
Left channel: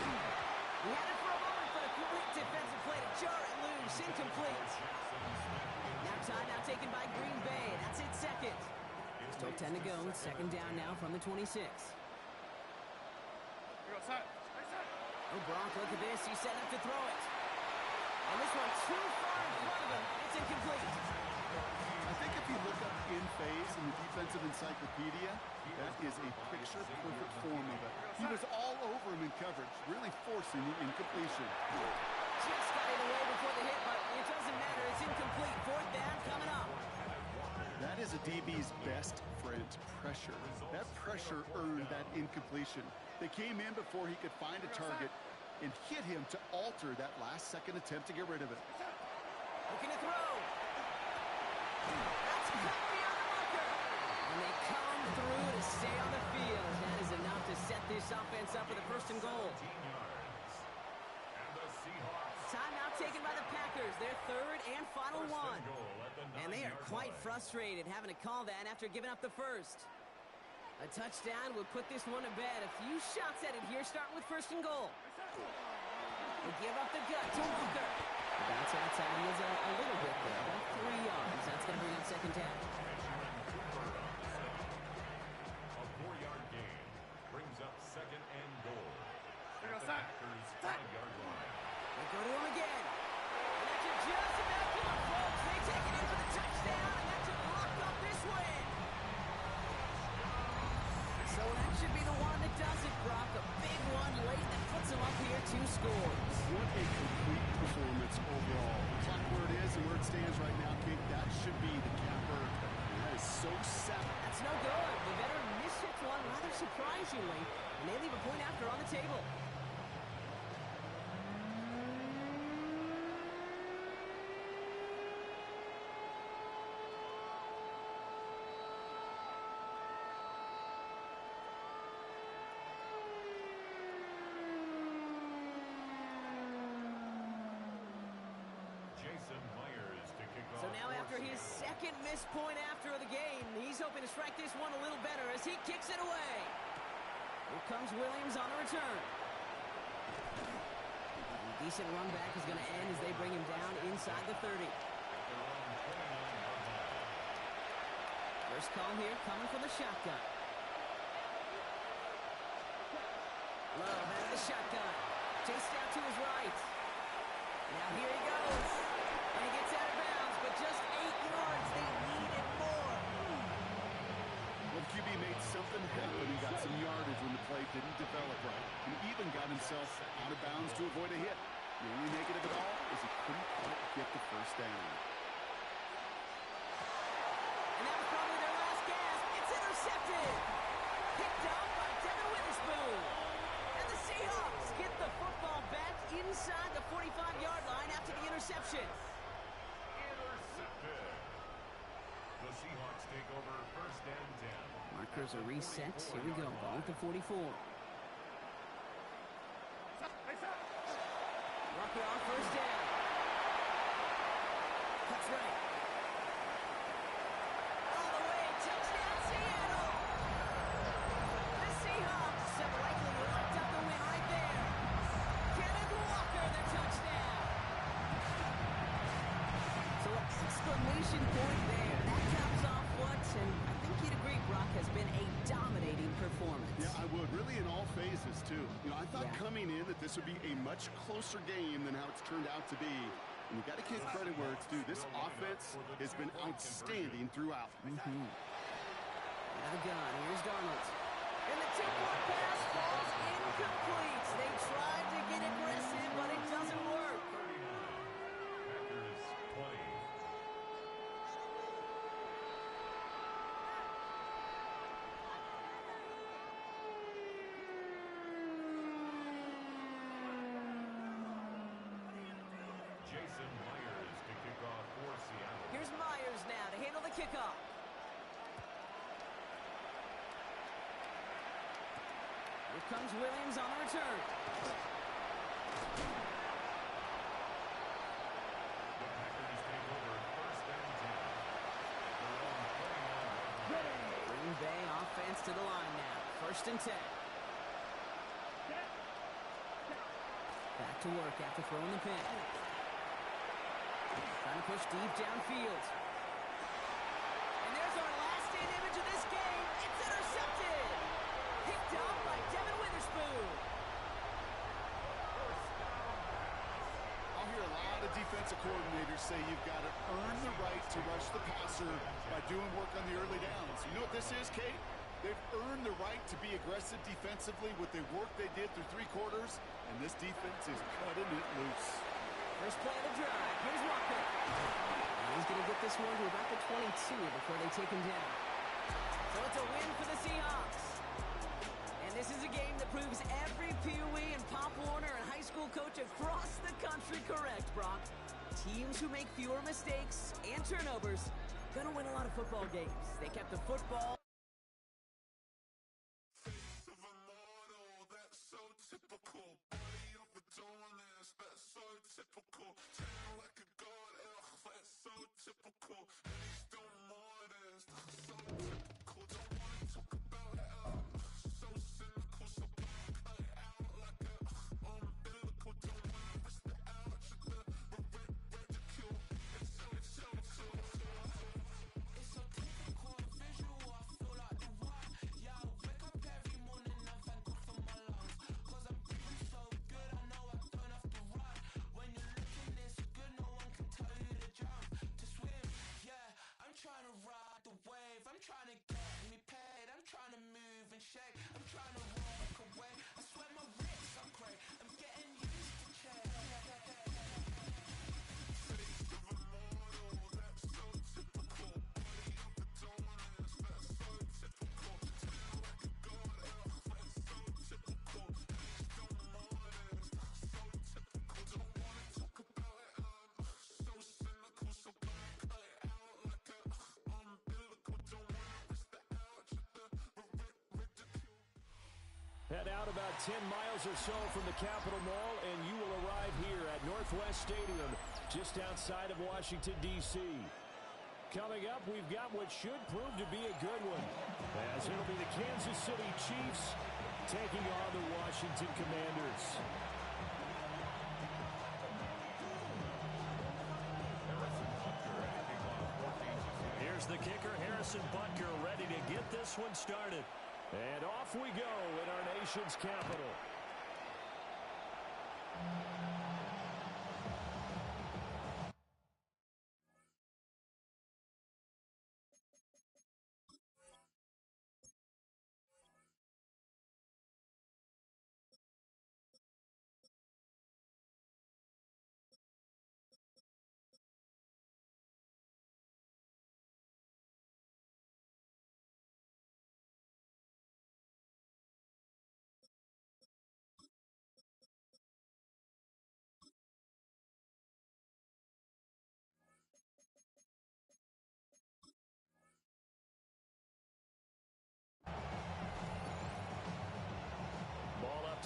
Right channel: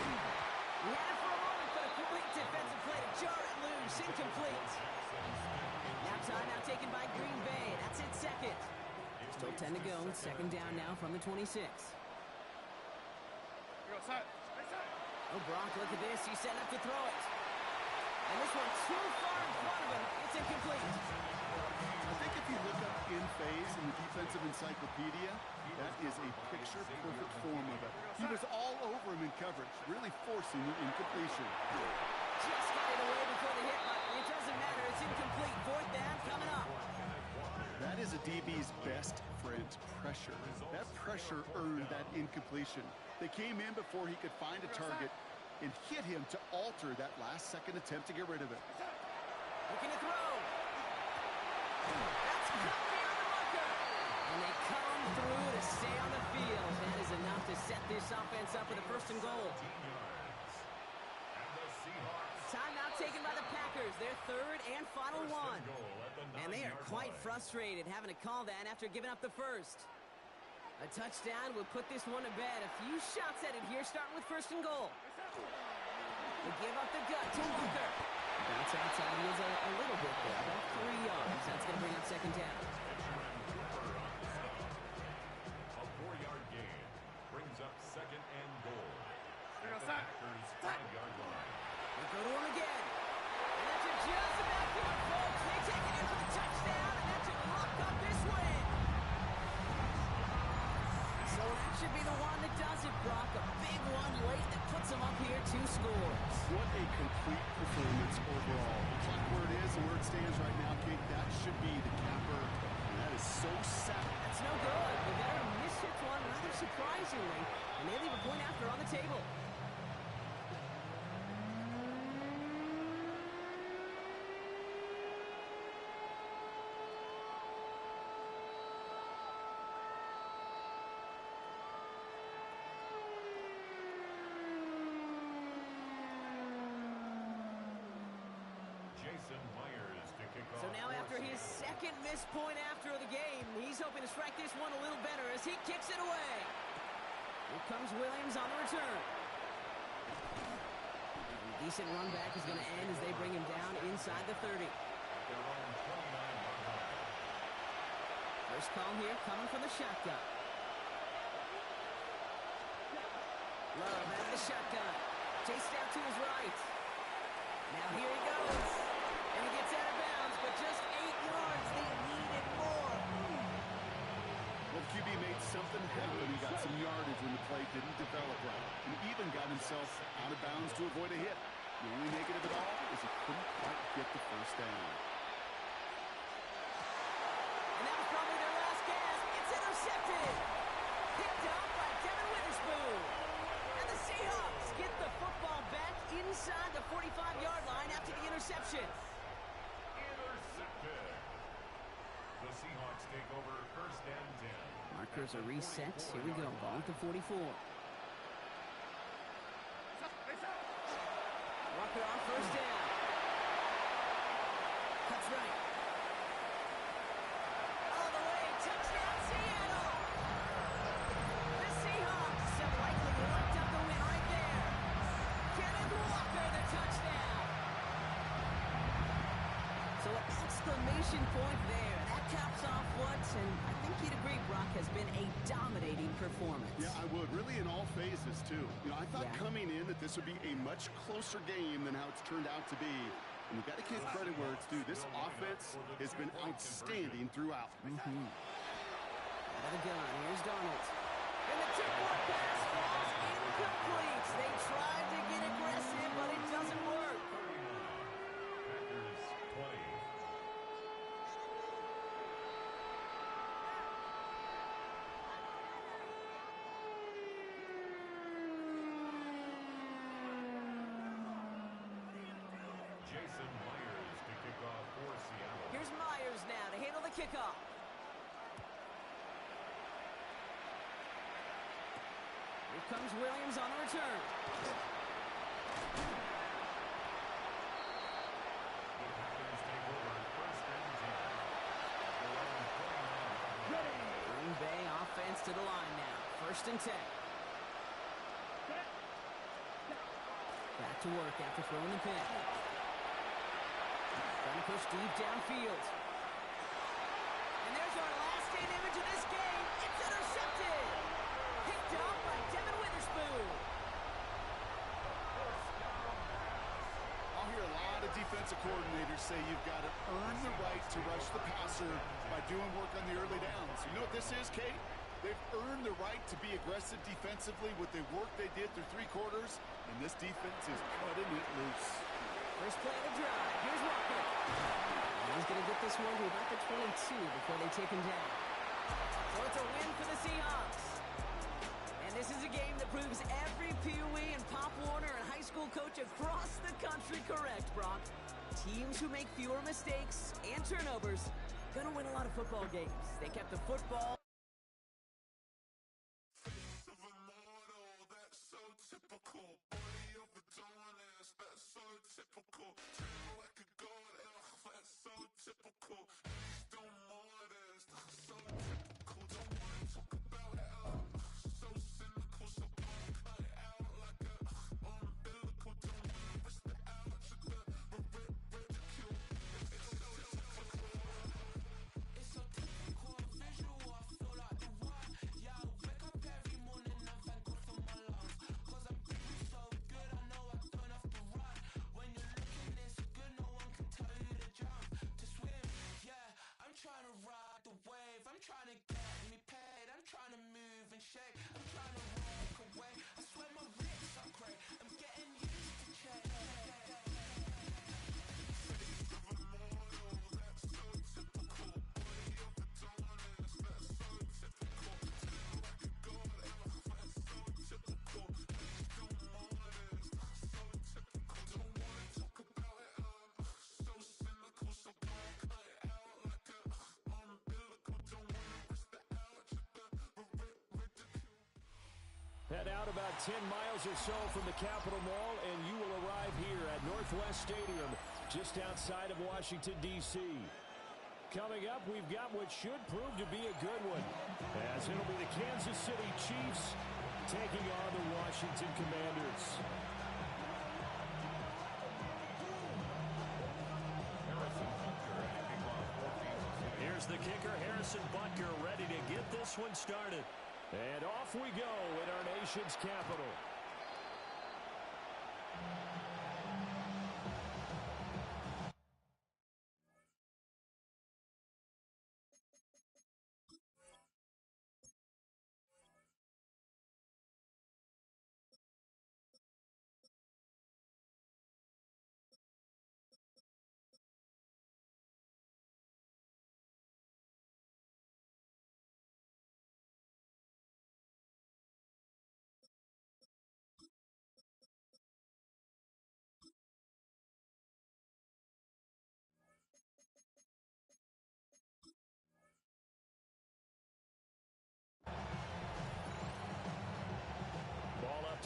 He had it for a moment, but a great defensive play to jar it loose. Incomplete. Now timeout taken by Green Bay. That's it, 2nd. Still 10 to go. 2nd down now from the 26. Oh, Brock, look at this. He's setting up to throw it. And this one too far in front of him. It's incomplete. I think if you look up in phase in the defensive encyclopedia, that is a picture-perfect form of it. He was all over him in coverage, really forcing the incompletion. Just got it away before the hit, but it doesn't matter. It's incomplete. 4th down coming up. That is a DB's best friend, pressure. That pressure earned that incompletion. They came in before he could find a target and hit him to alter that last-second attempt to get rid of it. Looking to throw. That's cut beyond the marker. And they come through to stay on the field. That is enough to set this offense up with a 1st and goal. 15 yards. And the Seahawks. Timeout taken by the Packers. Their 3rd and final one. And they are quite frustrated having to call that after giving up the first. A touchdown would put this one to bed. A few shots at it here, starting with 1st and goal. They give up the gut to Walker. The bounce outside, he is a little bit there, about 3 yards. That's going to bring up 2nd down. A 4-yard gain brings up 2nd and goal. At the Packers' 5-yard line. They go to him again. And that should just about do it, folks. They take it in for the touchdown, and that should lock up this win. So that should be the one that does it, Brock. A big one late that puts them up here 2 scores. What a complete performance overall. The clock where it is and where it stands right now, Kate, that should be the capper. And that is so sad. That's no good. The veteran mishits one rather surprisingly, and they leave a point after on the table. So now after his 2nd missed point after the game, he's hoping to strike this one a little better as he kicks it away. Here comes Williams on the return. A decent run back is going to end as they bring him down inside the 30. At their own 29-yard line. First call here coming from the shotgun. Love out of the shotgun. Chased out to his right. Now here he goes. And he gets out of bounds, but just 8 yards. They needed more. Well, QB made something happen. He got some yardage when the play didn't develop right. And even got himself out of bounds to avoid a hit. The only negative at all is he couldn't quite get the 1st down. And that was probably their last gasp. It's intercepted. Picked up by Devin Witherspoon. And the Seahawks get the football back inside the 45-yard line after the interception. Markers are reset. Here we go. Ball at the 44. Rucker on first down. Cuts right. All the way. Touchdown, Seattle. The Seahawks have likely locked up the win right there. Kenneth Walker, the touchdown. So an exclamation point there. That caps off what, and I think you'd agree, Brock, has been a dominating performance. Yeah, I would. Really in all phases, too. I thought coming in that this would be a much closer game than how it's turned out to be. And you got to give credit where it's due. This offense has been outstanding throughout. Out of the gun. Here's Darnold. And the tip-off pass falls incomplete. They tried to get aggressive, but it doesn't work. Packers 20. Jason Myers to kick off for Seattle. Here's Myers now to handle the kickoff. Here comes Williams on the return. The Packers take over first and 10. At their own 29-yard line. Ready. Green Bay offense to the line now. First and 10. Back to work after throwing the pin. Trying to push deep downfield. And there's our last-in image of this game. It's intercepted. Picked up by Devin Witherspoon. I'll hear a lot of defensive coordinators say you've got to earn the right to rush the passer by doing work on the early downs. You know what this is, Kate? They've earned the right to be aggressive defensively with the work they did through 3 quarters, and this defense is cutting it loose. First play of the drive. Here's Walker. He's going to get this one to about the 22 before they take him down. So it's a win for the Seahawks. And this is a game that proves every Pee Wee and Pop Warner and high school coach across the country correct, Brock. Teams who make fewer mistakes and turnovers going to win a lot of football games. They kept the football. Head out about 10 miles or so from the Capitol Mall, and you will arrive here at Northwest Stadium, just outside of Washington, D.C. Coming up, we've got what should prove to be a good one, as it'll be the Kansas City Chiefs taking on the Washington Commanders. Here's the kicker, Harrison Butker, ready to get this one started. And off we go in our nation's capital.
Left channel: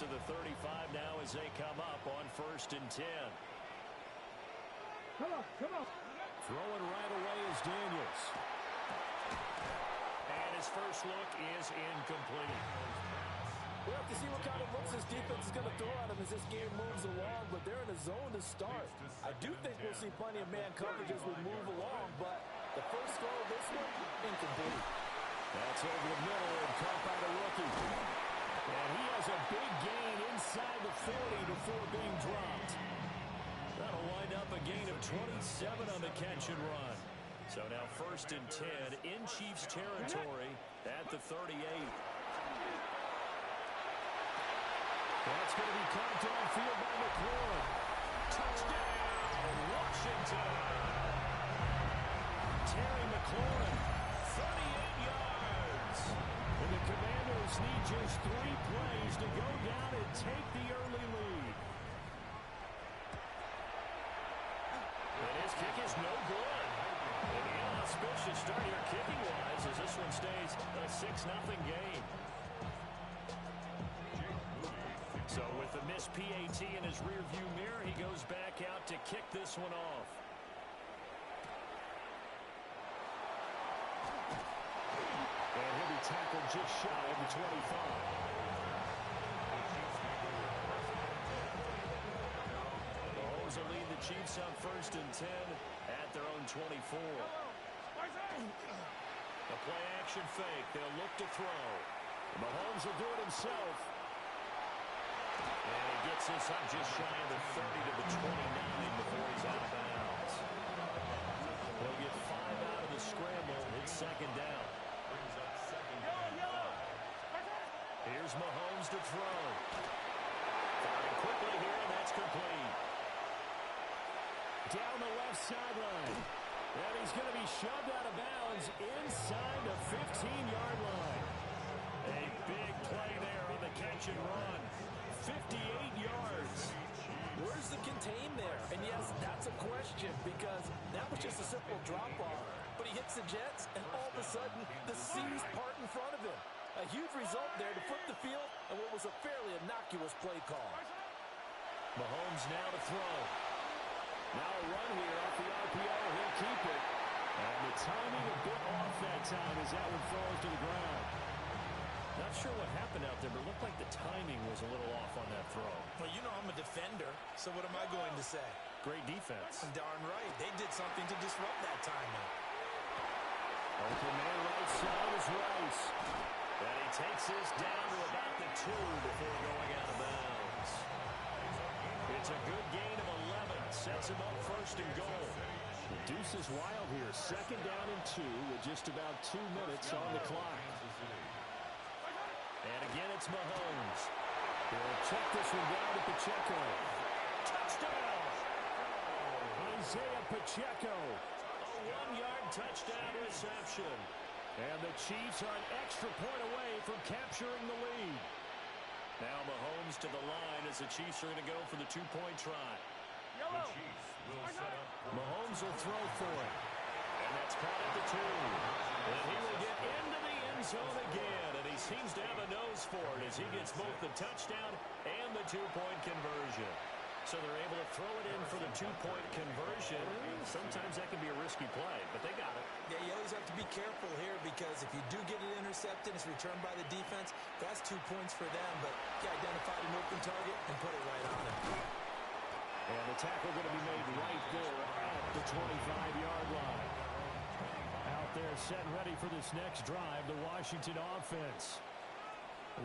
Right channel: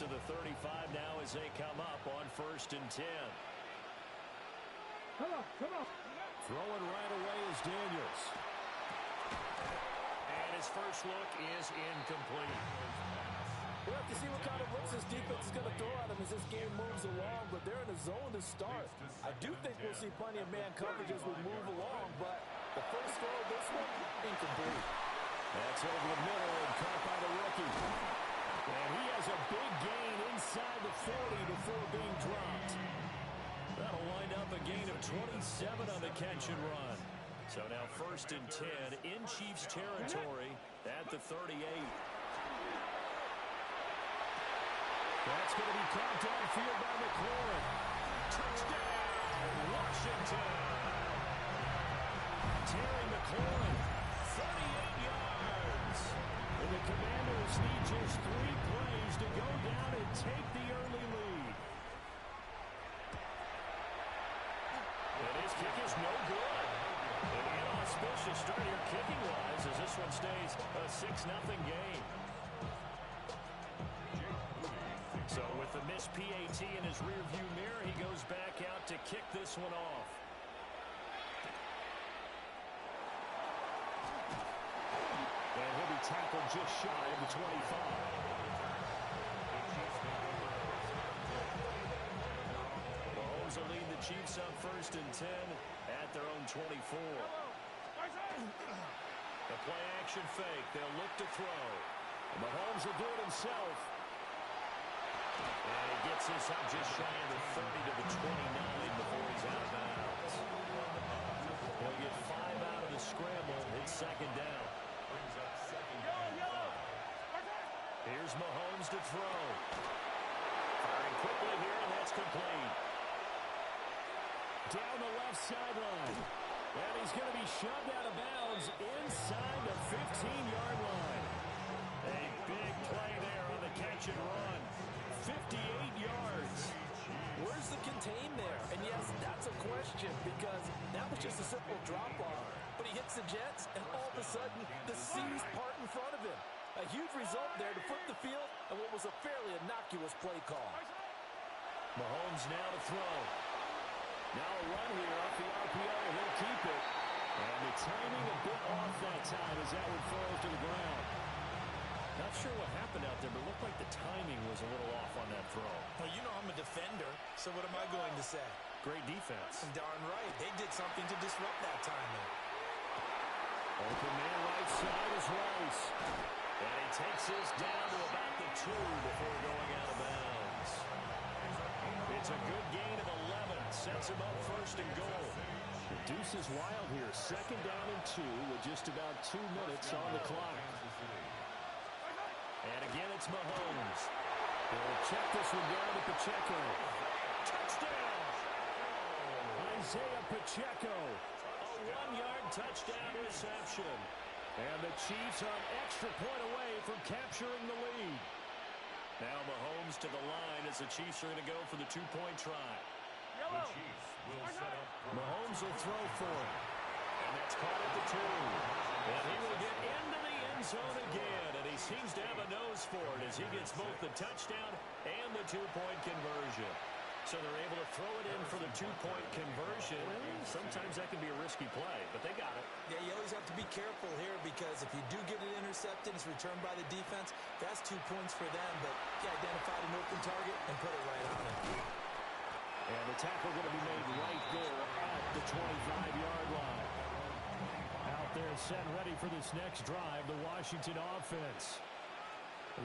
to the 35 now as they come up on 1st and 10. Come on, come on. Throwing right away is Daniels. And his first look is incomplete. We'll have to see what kind of looks this defense is going to throw at him as this game moves along, but they're in a zone to start. I do think we'll see plenty of man coverage as we move along, but the first throw of this one, incomplete. That's over the middle and caught by the rookie. And he has a big gain inside the 40 before being dropped. That'll wind up a gain of 27 on the catch and run. So now 1st and 10 in Chiefs territory at the 38. That's going to be caught downfield by McLaurin. Touchdown, Washington. Terry McLaurin, 38 yards. And the Commanders need just 3 plays to go down and take the early lead. And his kick is no good. An inauspicious start here kicking-wise as this one stays a 6-0 game. So with the missed PAT in his rearview mirror, he goes back out to kick this one off. And he'll be tackled just shy of the 25. Mahomes will lead the Chiefs on 1st and 10 at their own 24. The play-action fake. They'll look to throw. Mahomes will do it himself. And he gets this up just shy of the 30 to the 29 before he's out of bounds. He'll get 5 out of the scramble. It's 2nd down. Here's Mahomes to throw. Firing quickly here, and that's complete. Down the left sideline. And he's going to be shoved out of bounds inside the 15-yard line. A big play there on the catch and run. 58 yards. Where's the contain there? And yes, that's a question because that was just a simple drop-off. But he hits the Jets, and all of a sudden, the seas part in front of him. A huge result there to flip the field and what was a fairly innocuous play call. Mahomes now to throw. Now a run here off the RPO. He'll keep it. And the timing a bit off that time as that one falls to the ground. Not sure what happened out there, but it looked like the timing was a little off on that throw. Well, you know I'm a defender, so what am I going to say? Great defense. Darn right. They did something to disrupt that timing. Open man right side is Rice. And he takes this down to about the 2 before going out of bounds. It's a good gain of 11. Sets him up 1st and goal. The deuce is wild here. 2nd down and 2 with just about 2 minutes on the clock. And again, it's Mahomes. He'll check this one down to Pacheco. Touchdown! Isaiah Pacheco. A 1-yard touchdown reception. And the Chiefs are an extra point away from capturing the lead. Now Mahomes to the line as the Chiefs are going to go for the 2-point try. Mahomes will throw for it. And that's caught at the 2. And he will get into the end zone again. And he seems to have a nose for it as he gets both the touchdown and the 2-point conversion. So they're able to throw it in for the 2-point conversion. Sometimes that can be a risky play, but they got it. Yeah, you always have to be careful here because if you do get it intercepted, it's returned by the defense. That's 2 points for them, but he identified an open target and put it right on him. And the tackle going to be made right there at the 25-yard line. Out there set and ready for this next drive, the Washington offense.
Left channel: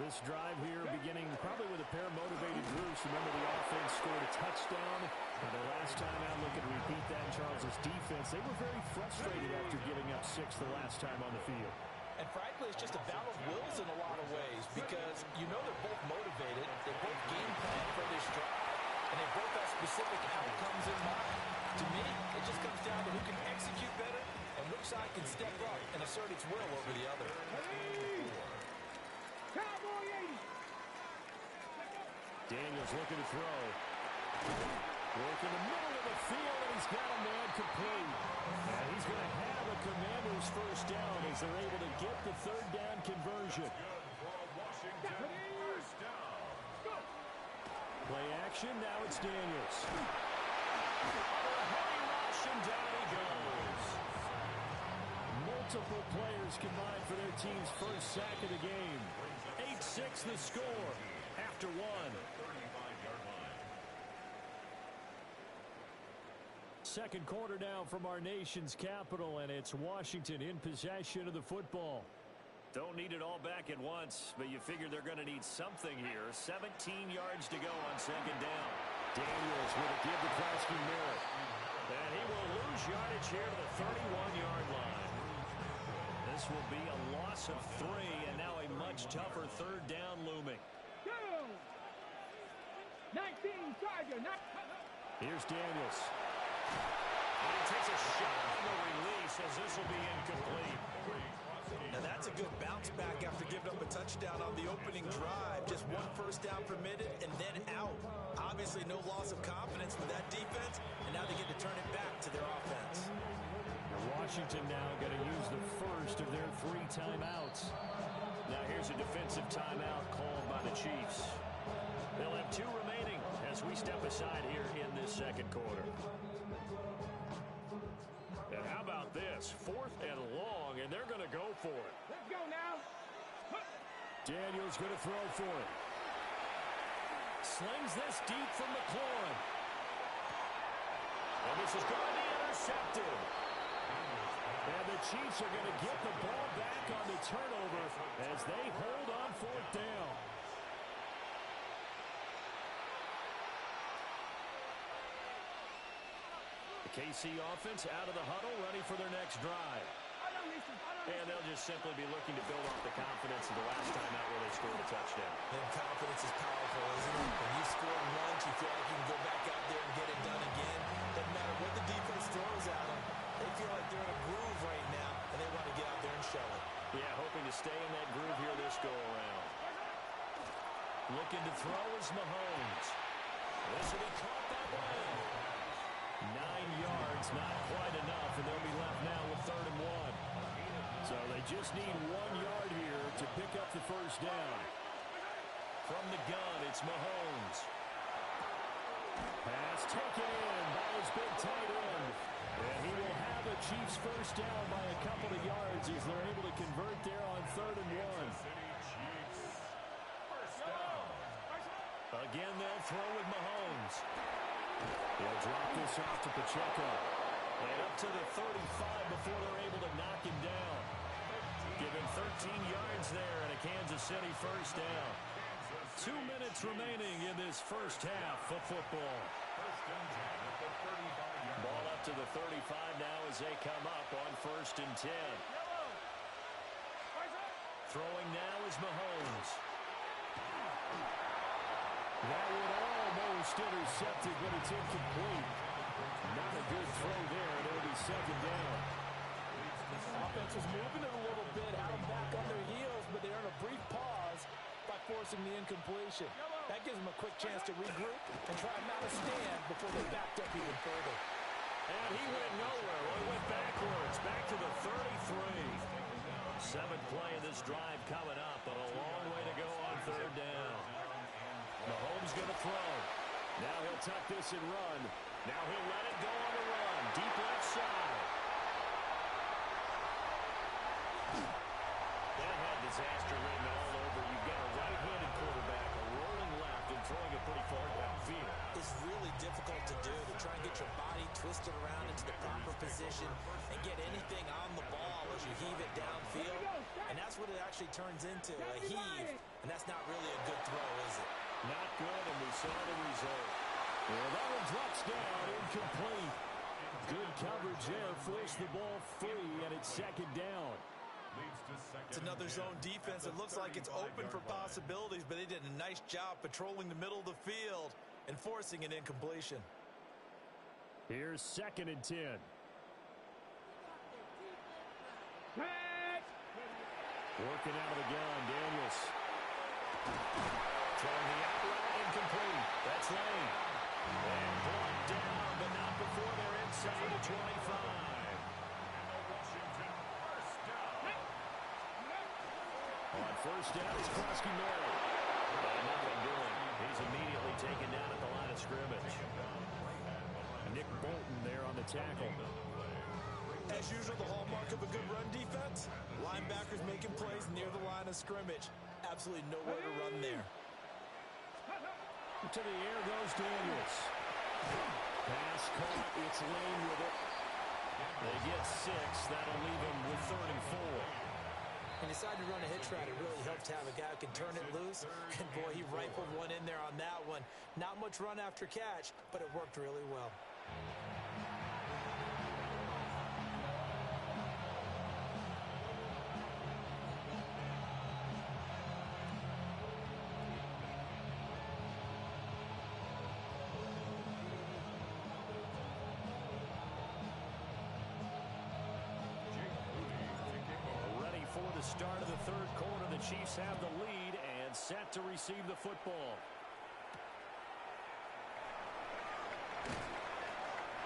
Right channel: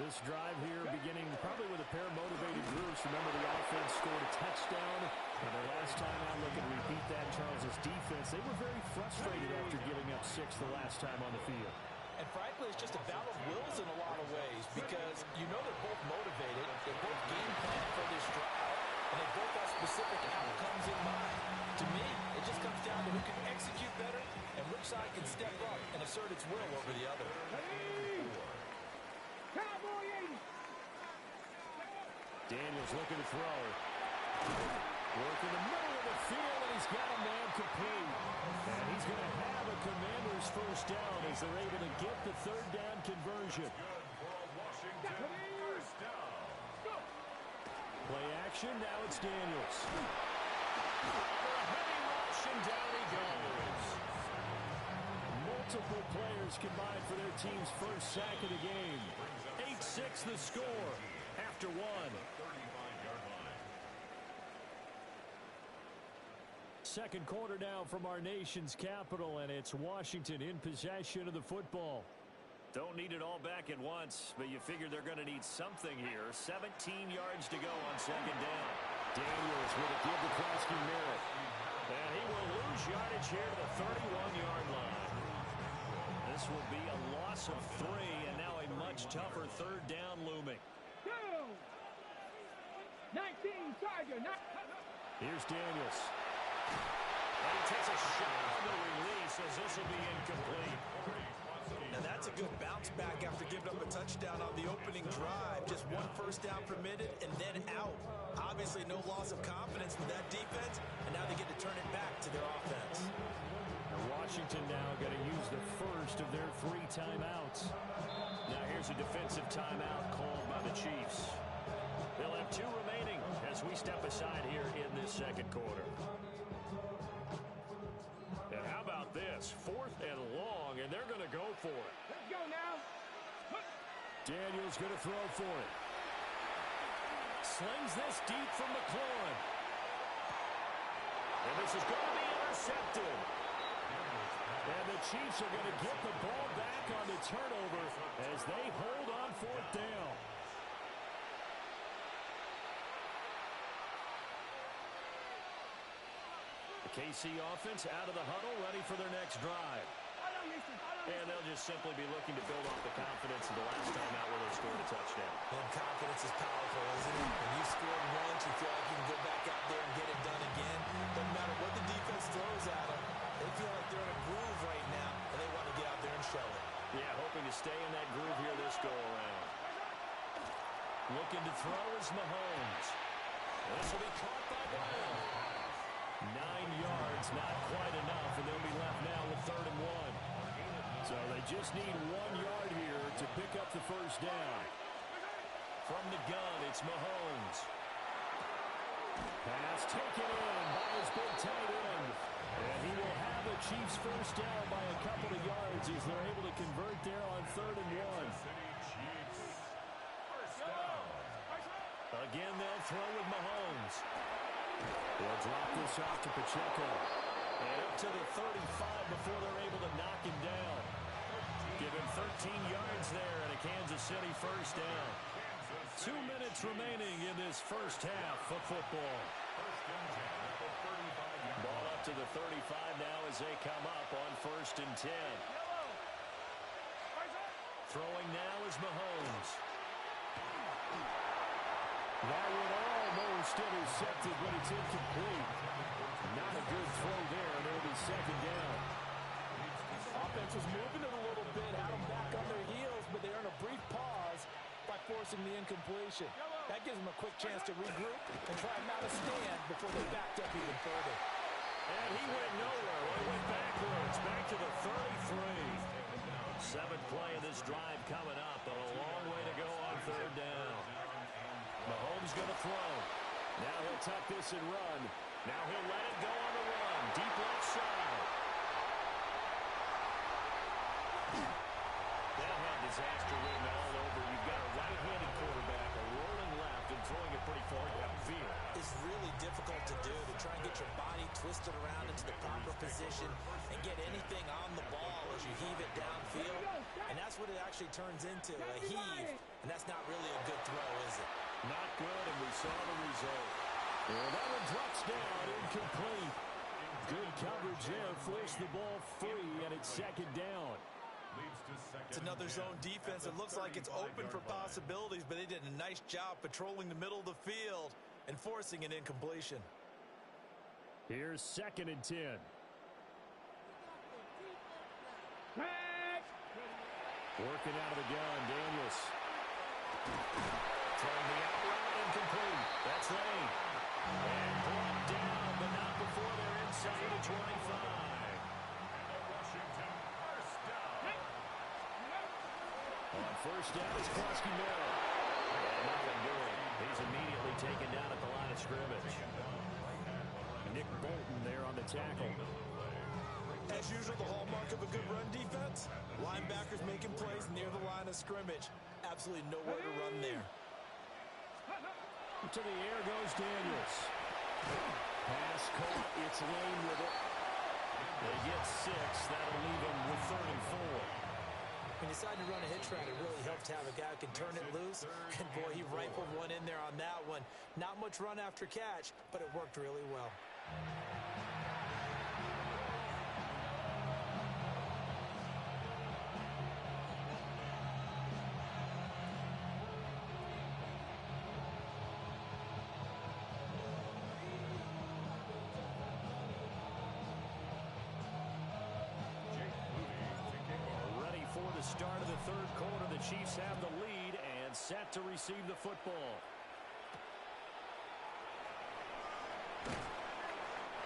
This drive here beginning probably with a pair of motivated groups. Remember, the offense scored a touchdown. Now, their last time out, looking to repeat that in Charles's defense. They were very frustrated after giving up 6 the last time on the field. And frankly, it's just a battle of wills in a lot of ways because you know they're both motivated. They both game plan for this drive, and they both have specific outcomes in mind. To me, it just comes down to who can execute better and which side can step up and assert its will over the other. Daniels looking to throw. Work in the middle of the field, and he's got a man complete. And he's going to have a Commanders first down as they're able to get the 3rd down conversion. Good for a Washington first down. action. Now it's Daniels. Under a heavy rush, and down he goes. Multiple players combined for their team's first sack of the game. 8-6 the score after one. Second quarter now from our nation's capital, and it's Washington in possession of the football. Don't need it all back at once, but you figure they're going to need something here. 17 yards to go on second down. Daniels with a give to Krosky Merritt. And he will lose yardage here to the 31-yard line. This will be a loss of 3, and now a much tougher third down looming. 19 Tiger. Here's Daniels. And he takes a shot on the release as this will be incomplete. Now that's a good bounce back after giving up a touchdown on the opening drive. Just one first down permitted and then out. Obviously no loss of confidence with that defense, and now they get to turn it back to their offense. Washington now going to use the first of their 3 timeouts. Now here's a defensive timeout called by the Chiefs. They'll have 2 remaining as we step aside here in this second quarter. And how about this? 4th and long, and they're going to go for it. Let's go now. Daniels going to throw for it. Slings this deep from McLaurin. And this is going to be intercepted. And the Chiefs are going to get the ball back on the turnover as they hold on 4th down. The KC offense out of the huddle, ready for their next drive. And they'll just simply be looking to build off the confidence of the last time out where they scored a touchdown. And confidence is powerful, isn't it? When you scored once, you feel like you can go back out there and get it done again. Doesn't matter what the defense throws at them. They feel like they're in a groove right now, and they want to get out there and show it. Yeah, hoping to stay in that groove here this go-around. Looking to throw is Mahomes. This will be caught by Brown. 9 yards, not quite enough, and they'll be left now with 3rd and 1. So they just need 1 yard here to pick up the first down. From the gun, it's Mahomes. Pass taken in by his big tight end. And he will have a Chiefs first down by a couple of yards as they're able to convert there on 3rd and 1. Again, they'll throw with Mahomes. They'll drop this off to Pacheco. And up to the 35 before they're able to knock him down. Give him 13 yards there and a Kansas City first down. 2 minutes remaining in this first half of football. Ball up to the 35 now as they come up on 1st and 10. Throwing now is Mahomes. That one almost intercepted, but it's incomplete. Not a good throw there, and it'll be 2nd down. Offense was moving it a little bit, had them back on their heels, but they earned a brief pause by forcing the incompletion. That gives them a quick chance to regroup and try and mount a stand before they backed up even further. And he went nowhere. Well, he went backwards, back to the 33. 7th play of this drive coming up, but a long way to go on 3rd down. Mahomes going to throw. Now he'll tuck this and run. Now he'll let it go on the run. Deep left side. That had disaster written all over. You've got a right-handed quarterback, a rolling left, and throwing it pretty far downfield. It's really difficult to do, to try and get your body twisted around into the proper position and get anything on the ball as you heave it downfield. And that's what it actually turns into, a heave. And that's not really a good throw, is it? Not good, and we saw the result. And that one drops down, incomplete. Good coverage there, forced the ball free, and it's 2nd down. It's another zone defense. It looks like it's open for possibilities, but they did a nice job patrolling the middle of the field and forcing an incompletion. Here's 2nd and 10. Working out of the gun, Daniels. Throwing the out route, incomplete. That's Lane. And brought down, but not before they're inside the 25. And the Washington first down. On 1st down is Krosky Merritt. And nothing doing. He's immediately taken down at the line of scrimmage. Nick Bolton there on the tackle. As usual, the hallmark of a good run defense, linebackers making plays near the line of scrimmage. Absolutely nowhere to run there. To the air goes Daniels. Pass caught. It's Lane with it. They get 6. That'll leave them with 3rd and 4. When you decide to run a hitch route, it really helps to have a guy who can turn it loose. And boy, he rifled one in there on that one. Not much run after catch, but it worked really well. For the start of the 3rd quarter, the Chiefs have the lead and set to receive the football.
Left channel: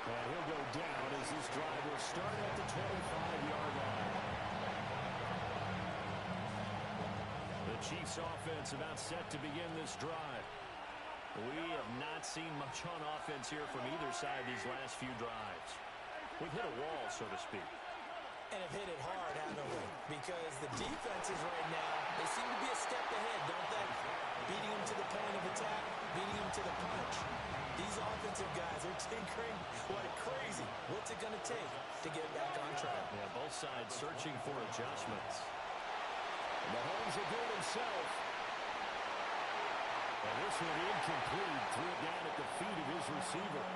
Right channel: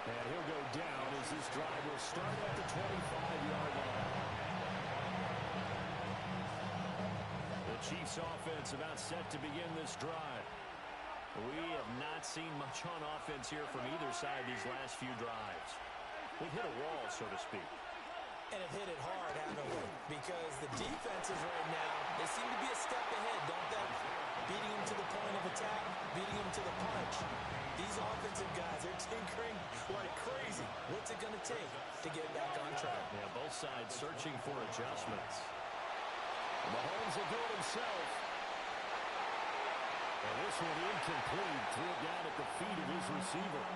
And he'll go down as this drive will start at the 25-yard line. The Chiefs offense about set to begin this drive. We have not seen much on offense here from either side these last few drives. We've hit a wall, so to speak. And have hit it hard, haven't we? Because the defenses right now, they seem to be a step ahead, don't they? Beating them to the point of attack, beating them to the punch. These offensive guys, they're tinkering like crazy. What's it going to take to get back on track? Yeah, both sides searching for adjustments. And Mahomes will do it himself. And this one incomplete. Threw it down at the feet of his receiver.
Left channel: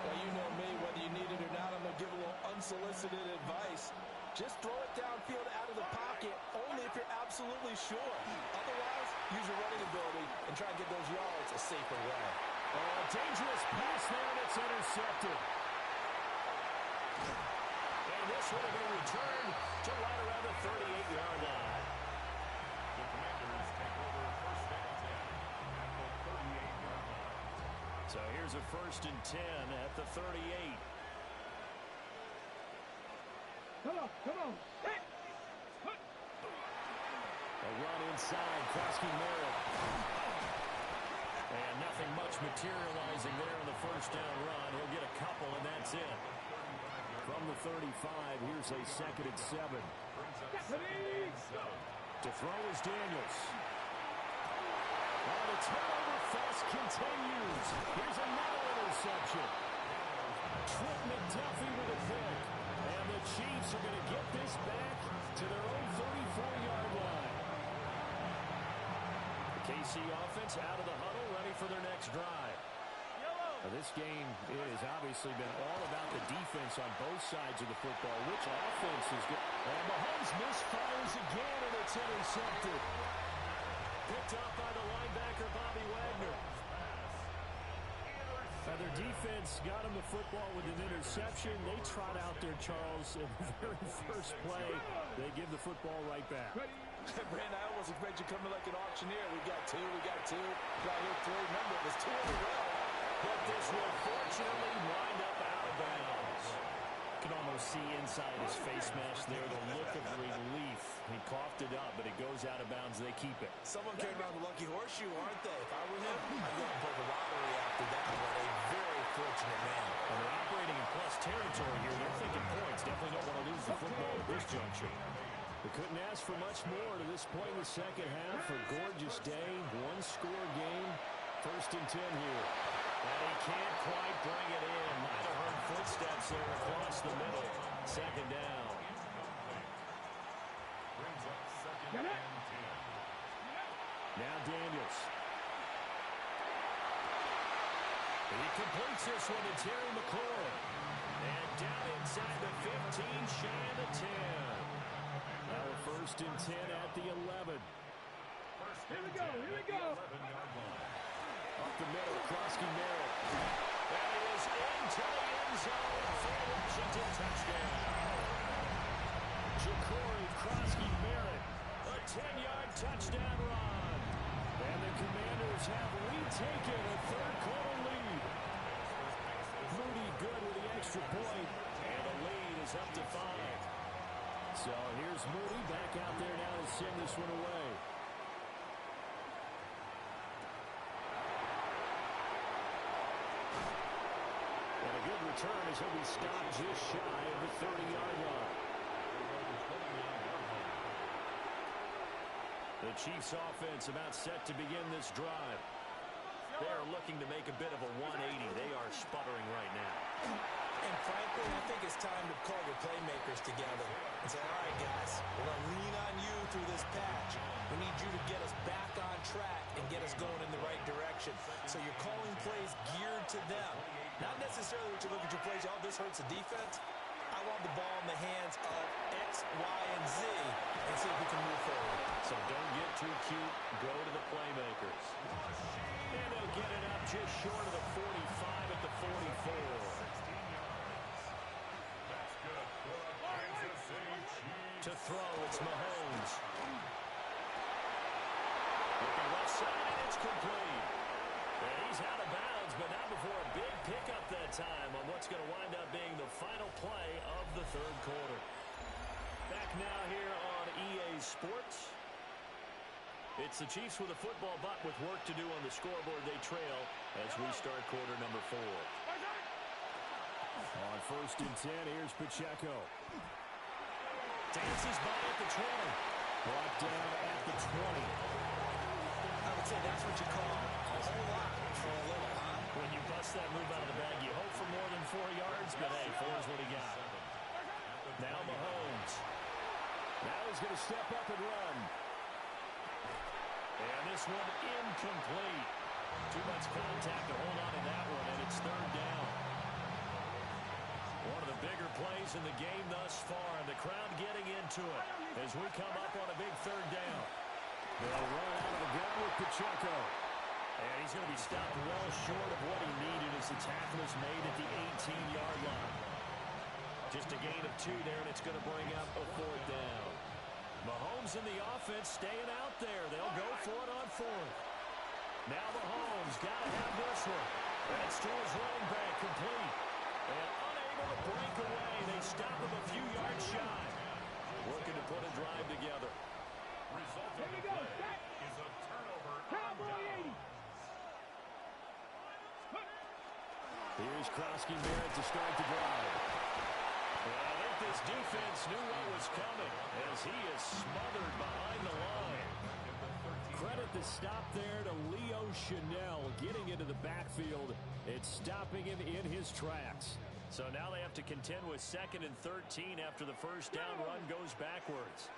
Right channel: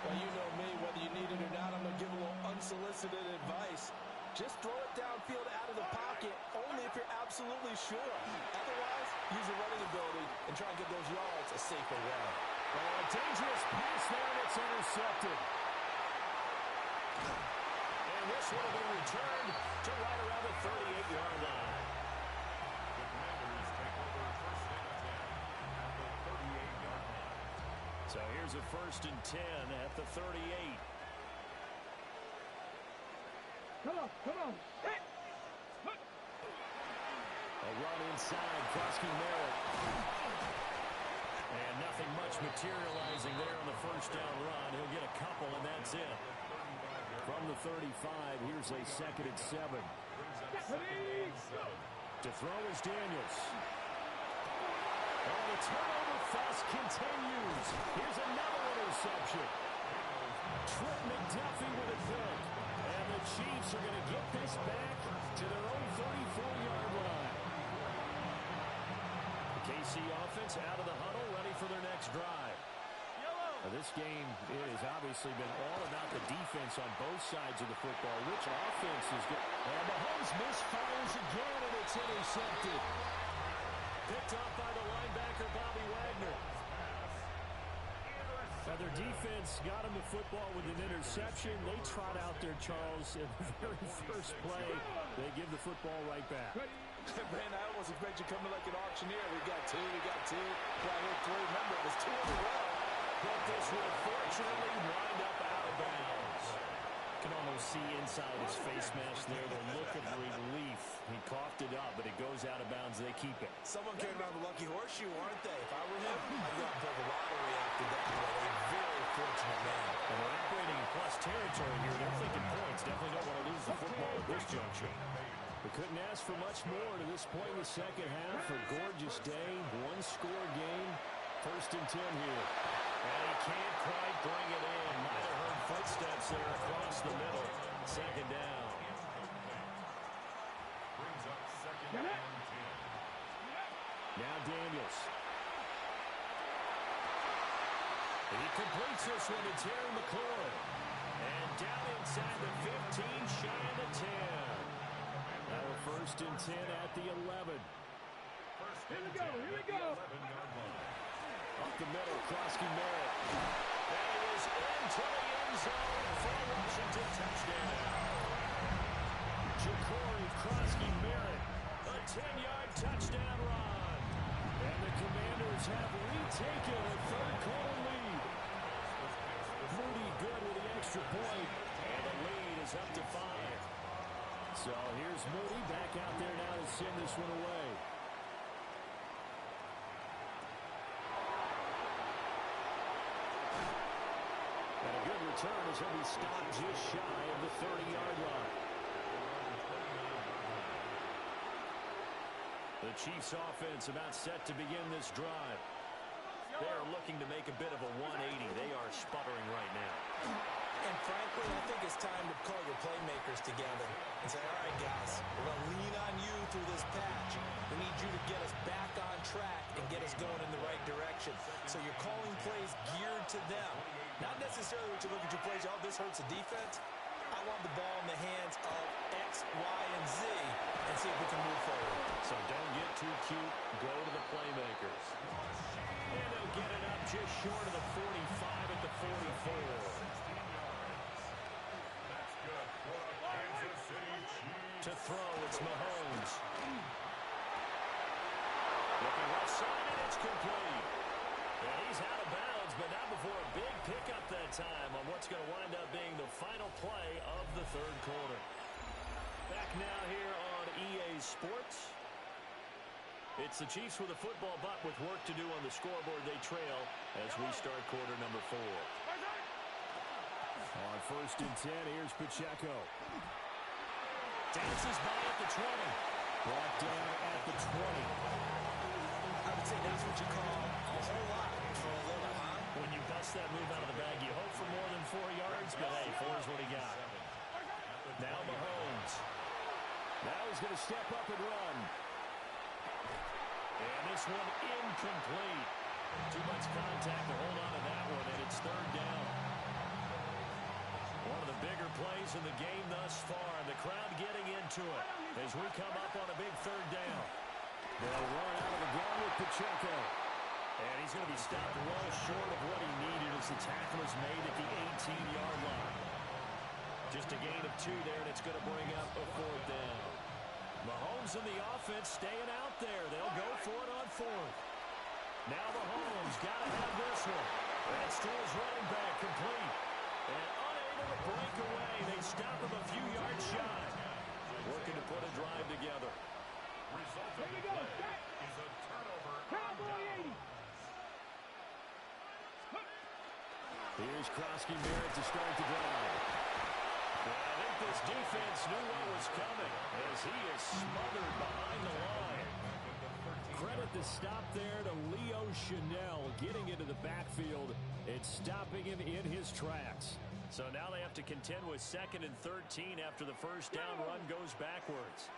Well, you know me, whether you need it or not, I'm going to give a little unsolicited advice. Just throw it downfield out of the pocket, only if you're absolutely sure. Otherwise, use your running ability and try and get those yards a safer way. Oh, a dangerous pass there, and it's intercepted. And this one will be returned to right around the 38-yard line. The Commanders take over 1st and 10 at the 38-yard line. So here's a 1st and 10 at the 38. Come on. Hey. A run inside, Krosky Merritt. And nothing much materializing there on the 1st down run. He'll get a couple, and that's it. From the 35, here's a 2nd and 7. To throw is Daniels. Oh, the turnover fest continues. Here's another interception. Trent McDuffie with a pick. And the Chiefs are going to get this back to their own 34-yard line. The KC offense out of the huddle, ready for their next drive. Now, this game has obviously been all about the defense on both sides of the football. Which offense is good? And Mahomes misfires again, and it's intercepted. Picked off by the linebacker, Bobby Wagner. Now, their defense got him the football with an interception. They trot out there, Charles, in the very first play. They give the football right back. Brandon, I almost expect you coming like an auctioneer. We got two. Got here 3. Remember, it was 2 in a row. But this will fortunately wind up out of bounds. You can almost see inside his face mask there the look of relief. He coughed it up, but it goes out of bounds. They keep it. Someone carried around the lucky horseshoe, aren't they? If I were him, I'd go out and play the lottery after that. What a very fortunate man. And they're operating in plus territory here. They're thinking points. Definitely don't want to lose the football at this juncture. We couldn't ask for much more to this point in the second half. A gorgeous day, one-score game. 1st and 10 here. And he can't quite bring it in. Might have heard footsteps there across the middle. 2nd down. Brings up 2nd and 10. Now Daniels. He completes this one to Terry McLaurin. And down inside the 15, shy of the 10. Now a 1st and 10 at the 11. Here we go. Up the middle, Krosky Merritt. That is into the end zone for a Washington touchdown. Ja'Cory Krosky Merritt, a 10-yard touchdown run. And the Commanders have retaken a 3rd quarter lead. Moody good with the extra point, and the lead is up to 5. So here's Moody back out there now to send this one away. return as he'll be stopped just shy of the 30-yard line. The Chiefs offense about set to begin this drive. They're looking to make a bit of a 180. They are sputtering right now. And frankly, I think it's time to call your playmakers together and say, all right, guys, we're going to lean on you through this patch. We need you to get us back on track and get us going in the right direction. So you're calling plays geared to them. Not necessarily what you look at your plays, oh, this hurts the defense. I want the ball in the hands of X, Y, and Z and see if we can move forward. So don't get too cute. Go to the playmakers. And they'll get it up just short of the 45 at the 44. To throw, it's Mahomes. Looking left side, and it's complete. And he's out of bounds, but not before a big pickup that time on what's going to wind up being the final play of the third quarter. Back now here on EA Sports. It's the Chiefs with a football, but with work to do on the scoreboard, they trail as we start quarter number 4. On 1st and 10, here's Pacheco. Dances by at the 20. Brought down at the 20. I would say that's what you call a whole lot for a little, huh? When you bust that move out of the bag, you hope for more than 4 yards, but hey, 4 is what he got. Now Mahomes. Now he's going to step up and run. And this one incomplete. Too much contact to hold on to that one, and it's 3rd down. One of the bigger plays in the game thus far, and the crowd getting into it as we come up on a big 3rd down. They'll run out of the gun with Pacheco. And he's going to be stopped well short of what he needed as the tackle is made at the 18-yard line. Just a gain of 2 there, and it's going to bring up a 4th down. Mahomes and the offense staying out there. They'll go for it on 4th. Now Mahomes got to have this one. That's to his running back, complete. And unable to break away. They stop him a few yards shy. Working to put a drive together. Result of the play is a turnover on down. Here's Krosky-Barrett to start the drive. And I think this defense knew what was coming as he is smothered behind the line. Credit the stop there to Leo Chanel getting into the backfield and stopping him in his tracks. So now they have to contend with 2nd and 13 after the first down run goes backwards.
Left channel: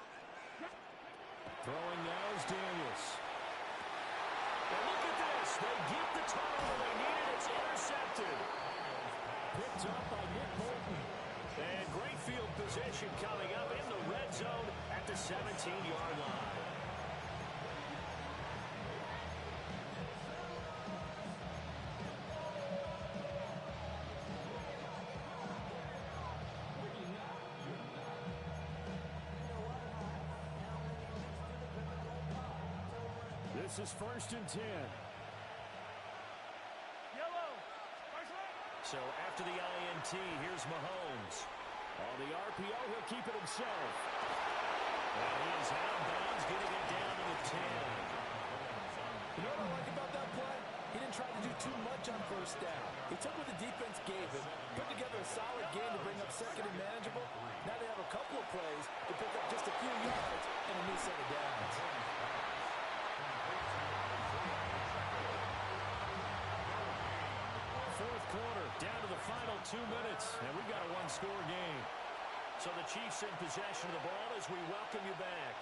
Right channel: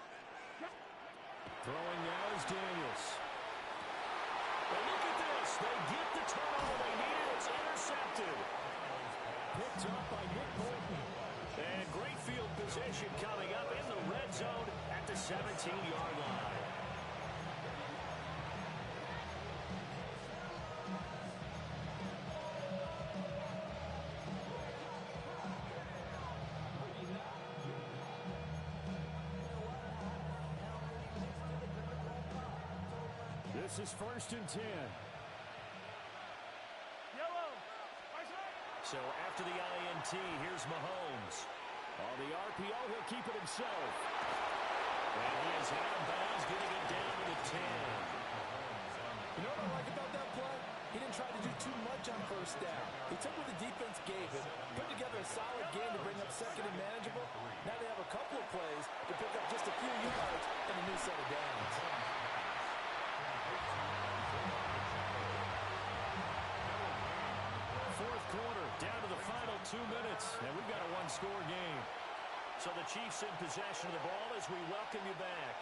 Throwing now is Daniels. And look at this. They get the turnover they needed. It's intercepted. Picked up by Nick Bolton. And great field position coming up in the red zone at the 17-yard line. This is 1st and 10. So after the INT, here's Mahomes. On the RPO, he'll keep it himself. And he is out of bounds, getting it down to the 10. You know what I like about that play? He didn't try to do too much on 1st down. He took what the defense gave him, put together a solid game to bring up 2nd and manageable. Now they have a couple of plays to pick up just a few yards and a new set of downs. Fourth quarter, down to the final 2 minutes, and we've got a one-score game. So the Chiefs in possession of the ball as we welcome you back.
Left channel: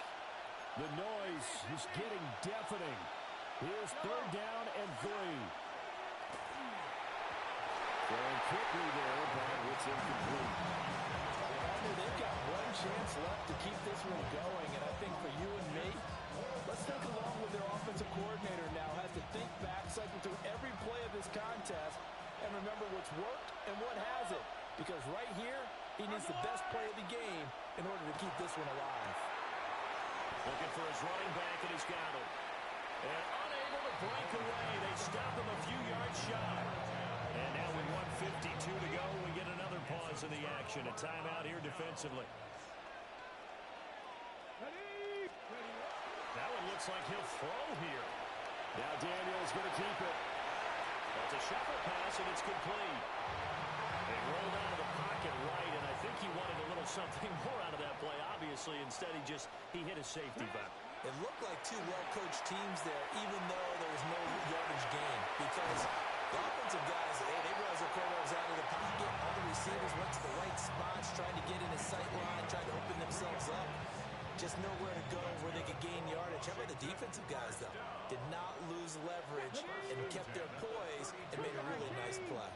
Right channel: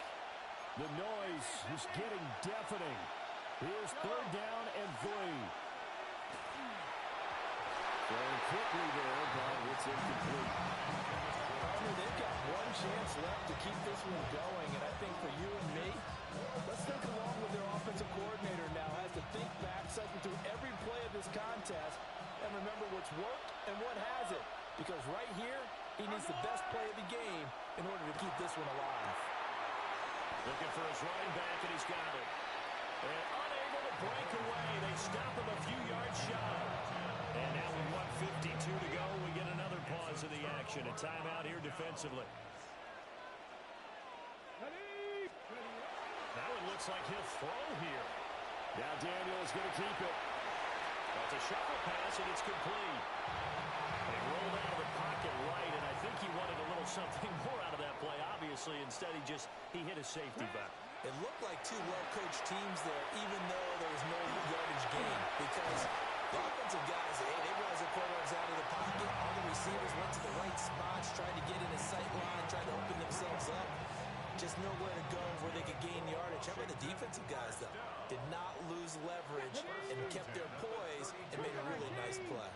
The noise is getting deafening. Here's 3rd down and 3. Throwing quickly there, but it's incomplete. Partner, they've got one chance left to keep this one going, and I think for you and me, let's think along with their offensive coordinator now, has to think back, cycle through every play of this contest, and remember what's worked and what hasn't. Because right here, he needs the best play of the game in order to keep this one alive. Looking for his running back, and he's got it. And unable to break away. They stop him a few yards shy. And now with 1:52 to go, we get another pause in the action. A timeout here defensively. Now it looks like he'll throw here. Now Daniel's going to keep it. Well, it's a shuffle pass, and it's complete. They he wanted a little something more out of that play, obviously. Instead, he hit his safety back. It looked like two well-coached teams there, even though there was no yardage gain. Because the offensive guys, hey, they realized their quarterback's out of the pocket. All the receivers went to the right spots, tried to get in his sight line, tried to open themselves up. Just nowhere to go where they could gain yardage. How about the defensive guys, though? Did not lose leverage and kept their poise and made a really nice play.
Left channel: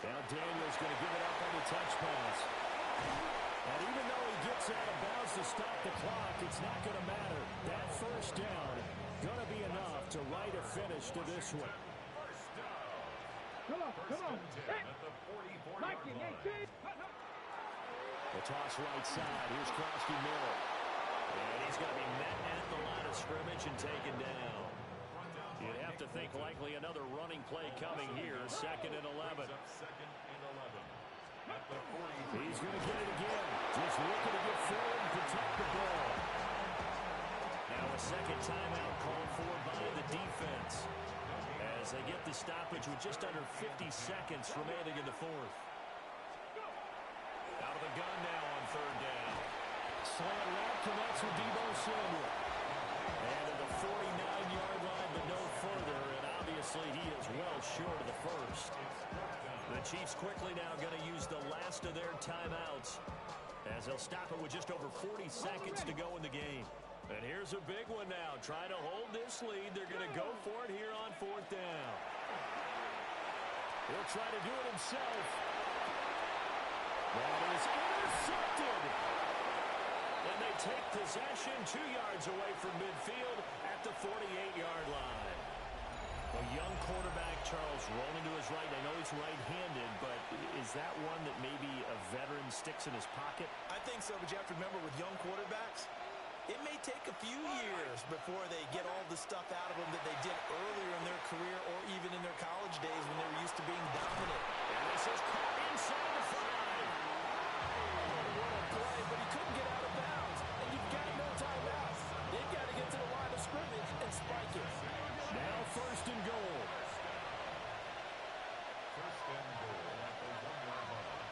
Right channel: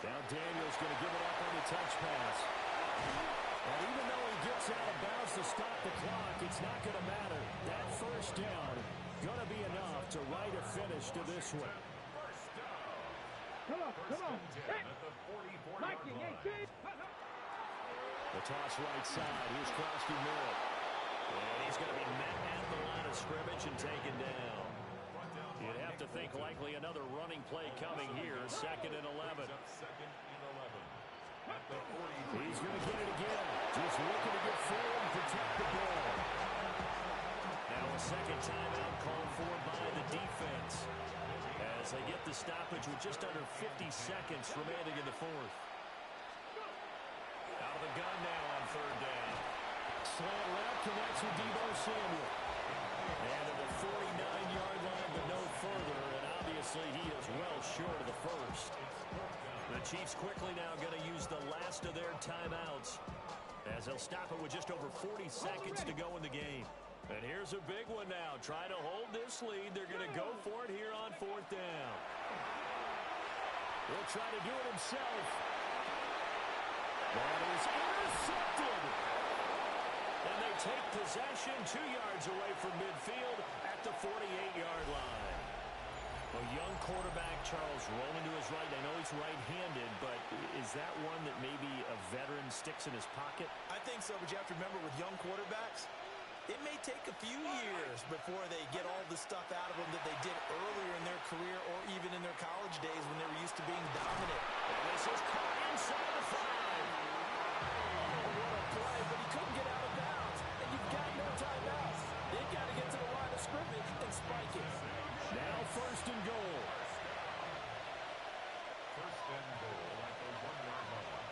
Now Daniel's going to give it up on the touch pass. And even though he gets out of bounds to stop the clock, it's not going to matter. That first down going to be enough to write a finish to this one. Come on. Hey. Mikey, The toss right side. Here's Krosky Merritt. And he's going to be met at the line of scrimmage and taken down. You'd have to think likely another running play coming here. 2nd and 11. He's going to get it again. Just looking to get forward and protect the ball. Now a second timeout called for by the defense as they get the stoppage with just under 50 seconds remaining in the fourth. Out of the gun now on 3rd down. Slant route connects with Deebo Samuel. And to the 49-yard line, but no further. And obviously he is well short of the first. The Chiefs quickly now going to use the last of their timeouts as they'll stop it with just over 40 seconds to go in the game. And here's a big one now. Trying to hold this lead. They're going to go for it here on 4th down. He'll try to do it himself. That is intercepted. And they take possession 2 yards away from midfield at the 48-yard line. A young quarterback, Charles, rolling to his right. I know he's right-handed, but is that one that maybe a veteran sticks in his pocket? I think so, but you have to remember with young quarterbacks, it may take a few years before they get all the stuff out of them that they did earlier in their career or even in their college days when they were used to being dominant. And this is caught inside the 5. Oh, what a play, but he couldn't get out of bounds. And you've got no timeouts. They've got to get to the line of scrimmage and spike it. Now 1st and goal. 1st and goal at the 1-yard line.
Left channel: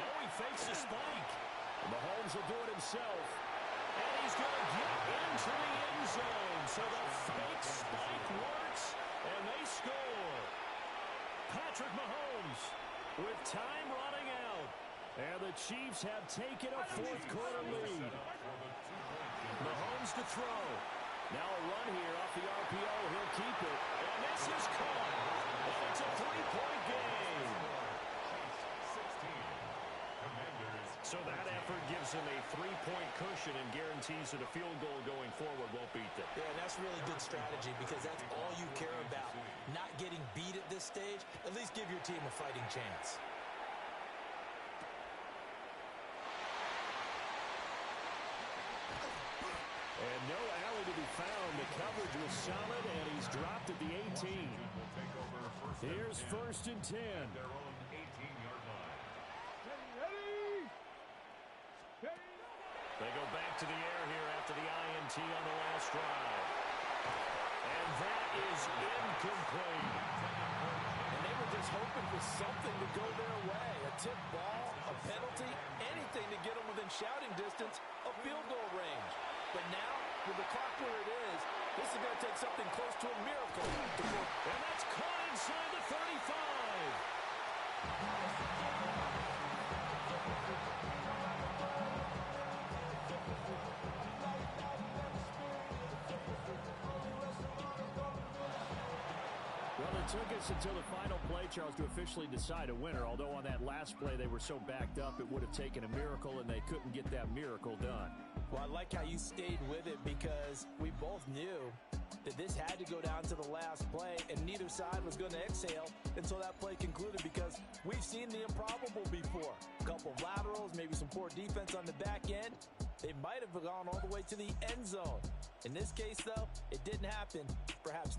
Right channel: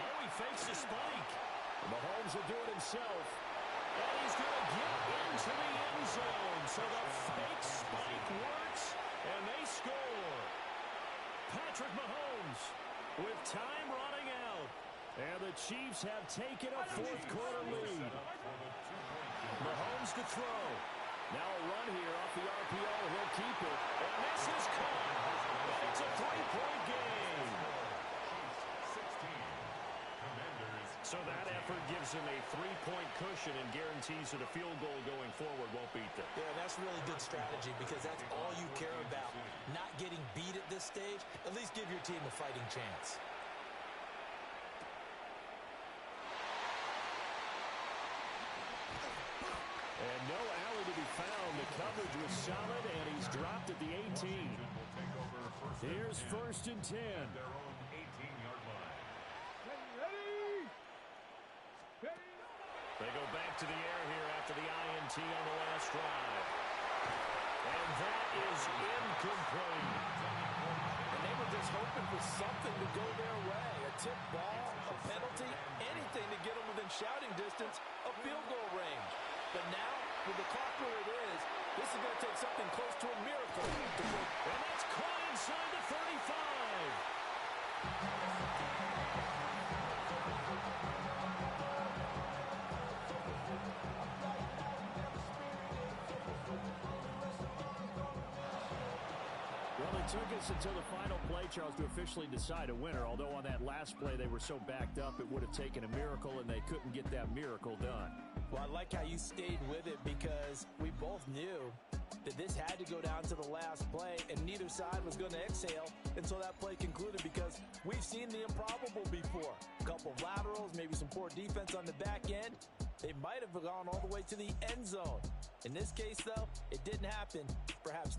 Oh, he fakes the spike. Mahomes will do it himself. And he's going to get into the end zone. So the fake spike works, and they score. Patrick Mahomes with time running out. And the Chiefs have taken a 4th quarter lead. Mahomes to throw. Now a run here off the RPO. He'll keep it. And this is caught. And it's a 3-point game. So that effort gives them a 3-point cushion and guarantees that a field goal going forward won't beat them. Yeah, that's really good strategy because that's all you care about. Not getting beat at this stage. At least give your team a fighting chance. And no alley to be found. The coverage was solid, and he's dropped at the 18. Here's 1st and 10. Their own 18-yard line. They go back to the air here after the INT on the last drive. And that is incomplete. And they were just hoping for something to go their way. A tip ball, a penalty, anything to get them within shouting distance of field goal range. But now, with the clock where it is, this is going to take something close to a miracle. And that's caught inside the 35. Well, it took us until the final play, Charles, to officially decide a winner. Although on that last play they were so backed up, it would have taken a miracle, and they couldn't get that miracle done. Well, I like how you stayed with it because we both knew that this had to go down to the last play, and neither side was going to exhale until that play concluded because we've seen the improbable before. A couple of laterals, maybe some poor defense on the back end. They might have gone all the way to the end zone. In this case, though, it didn't happen. Perhaps now.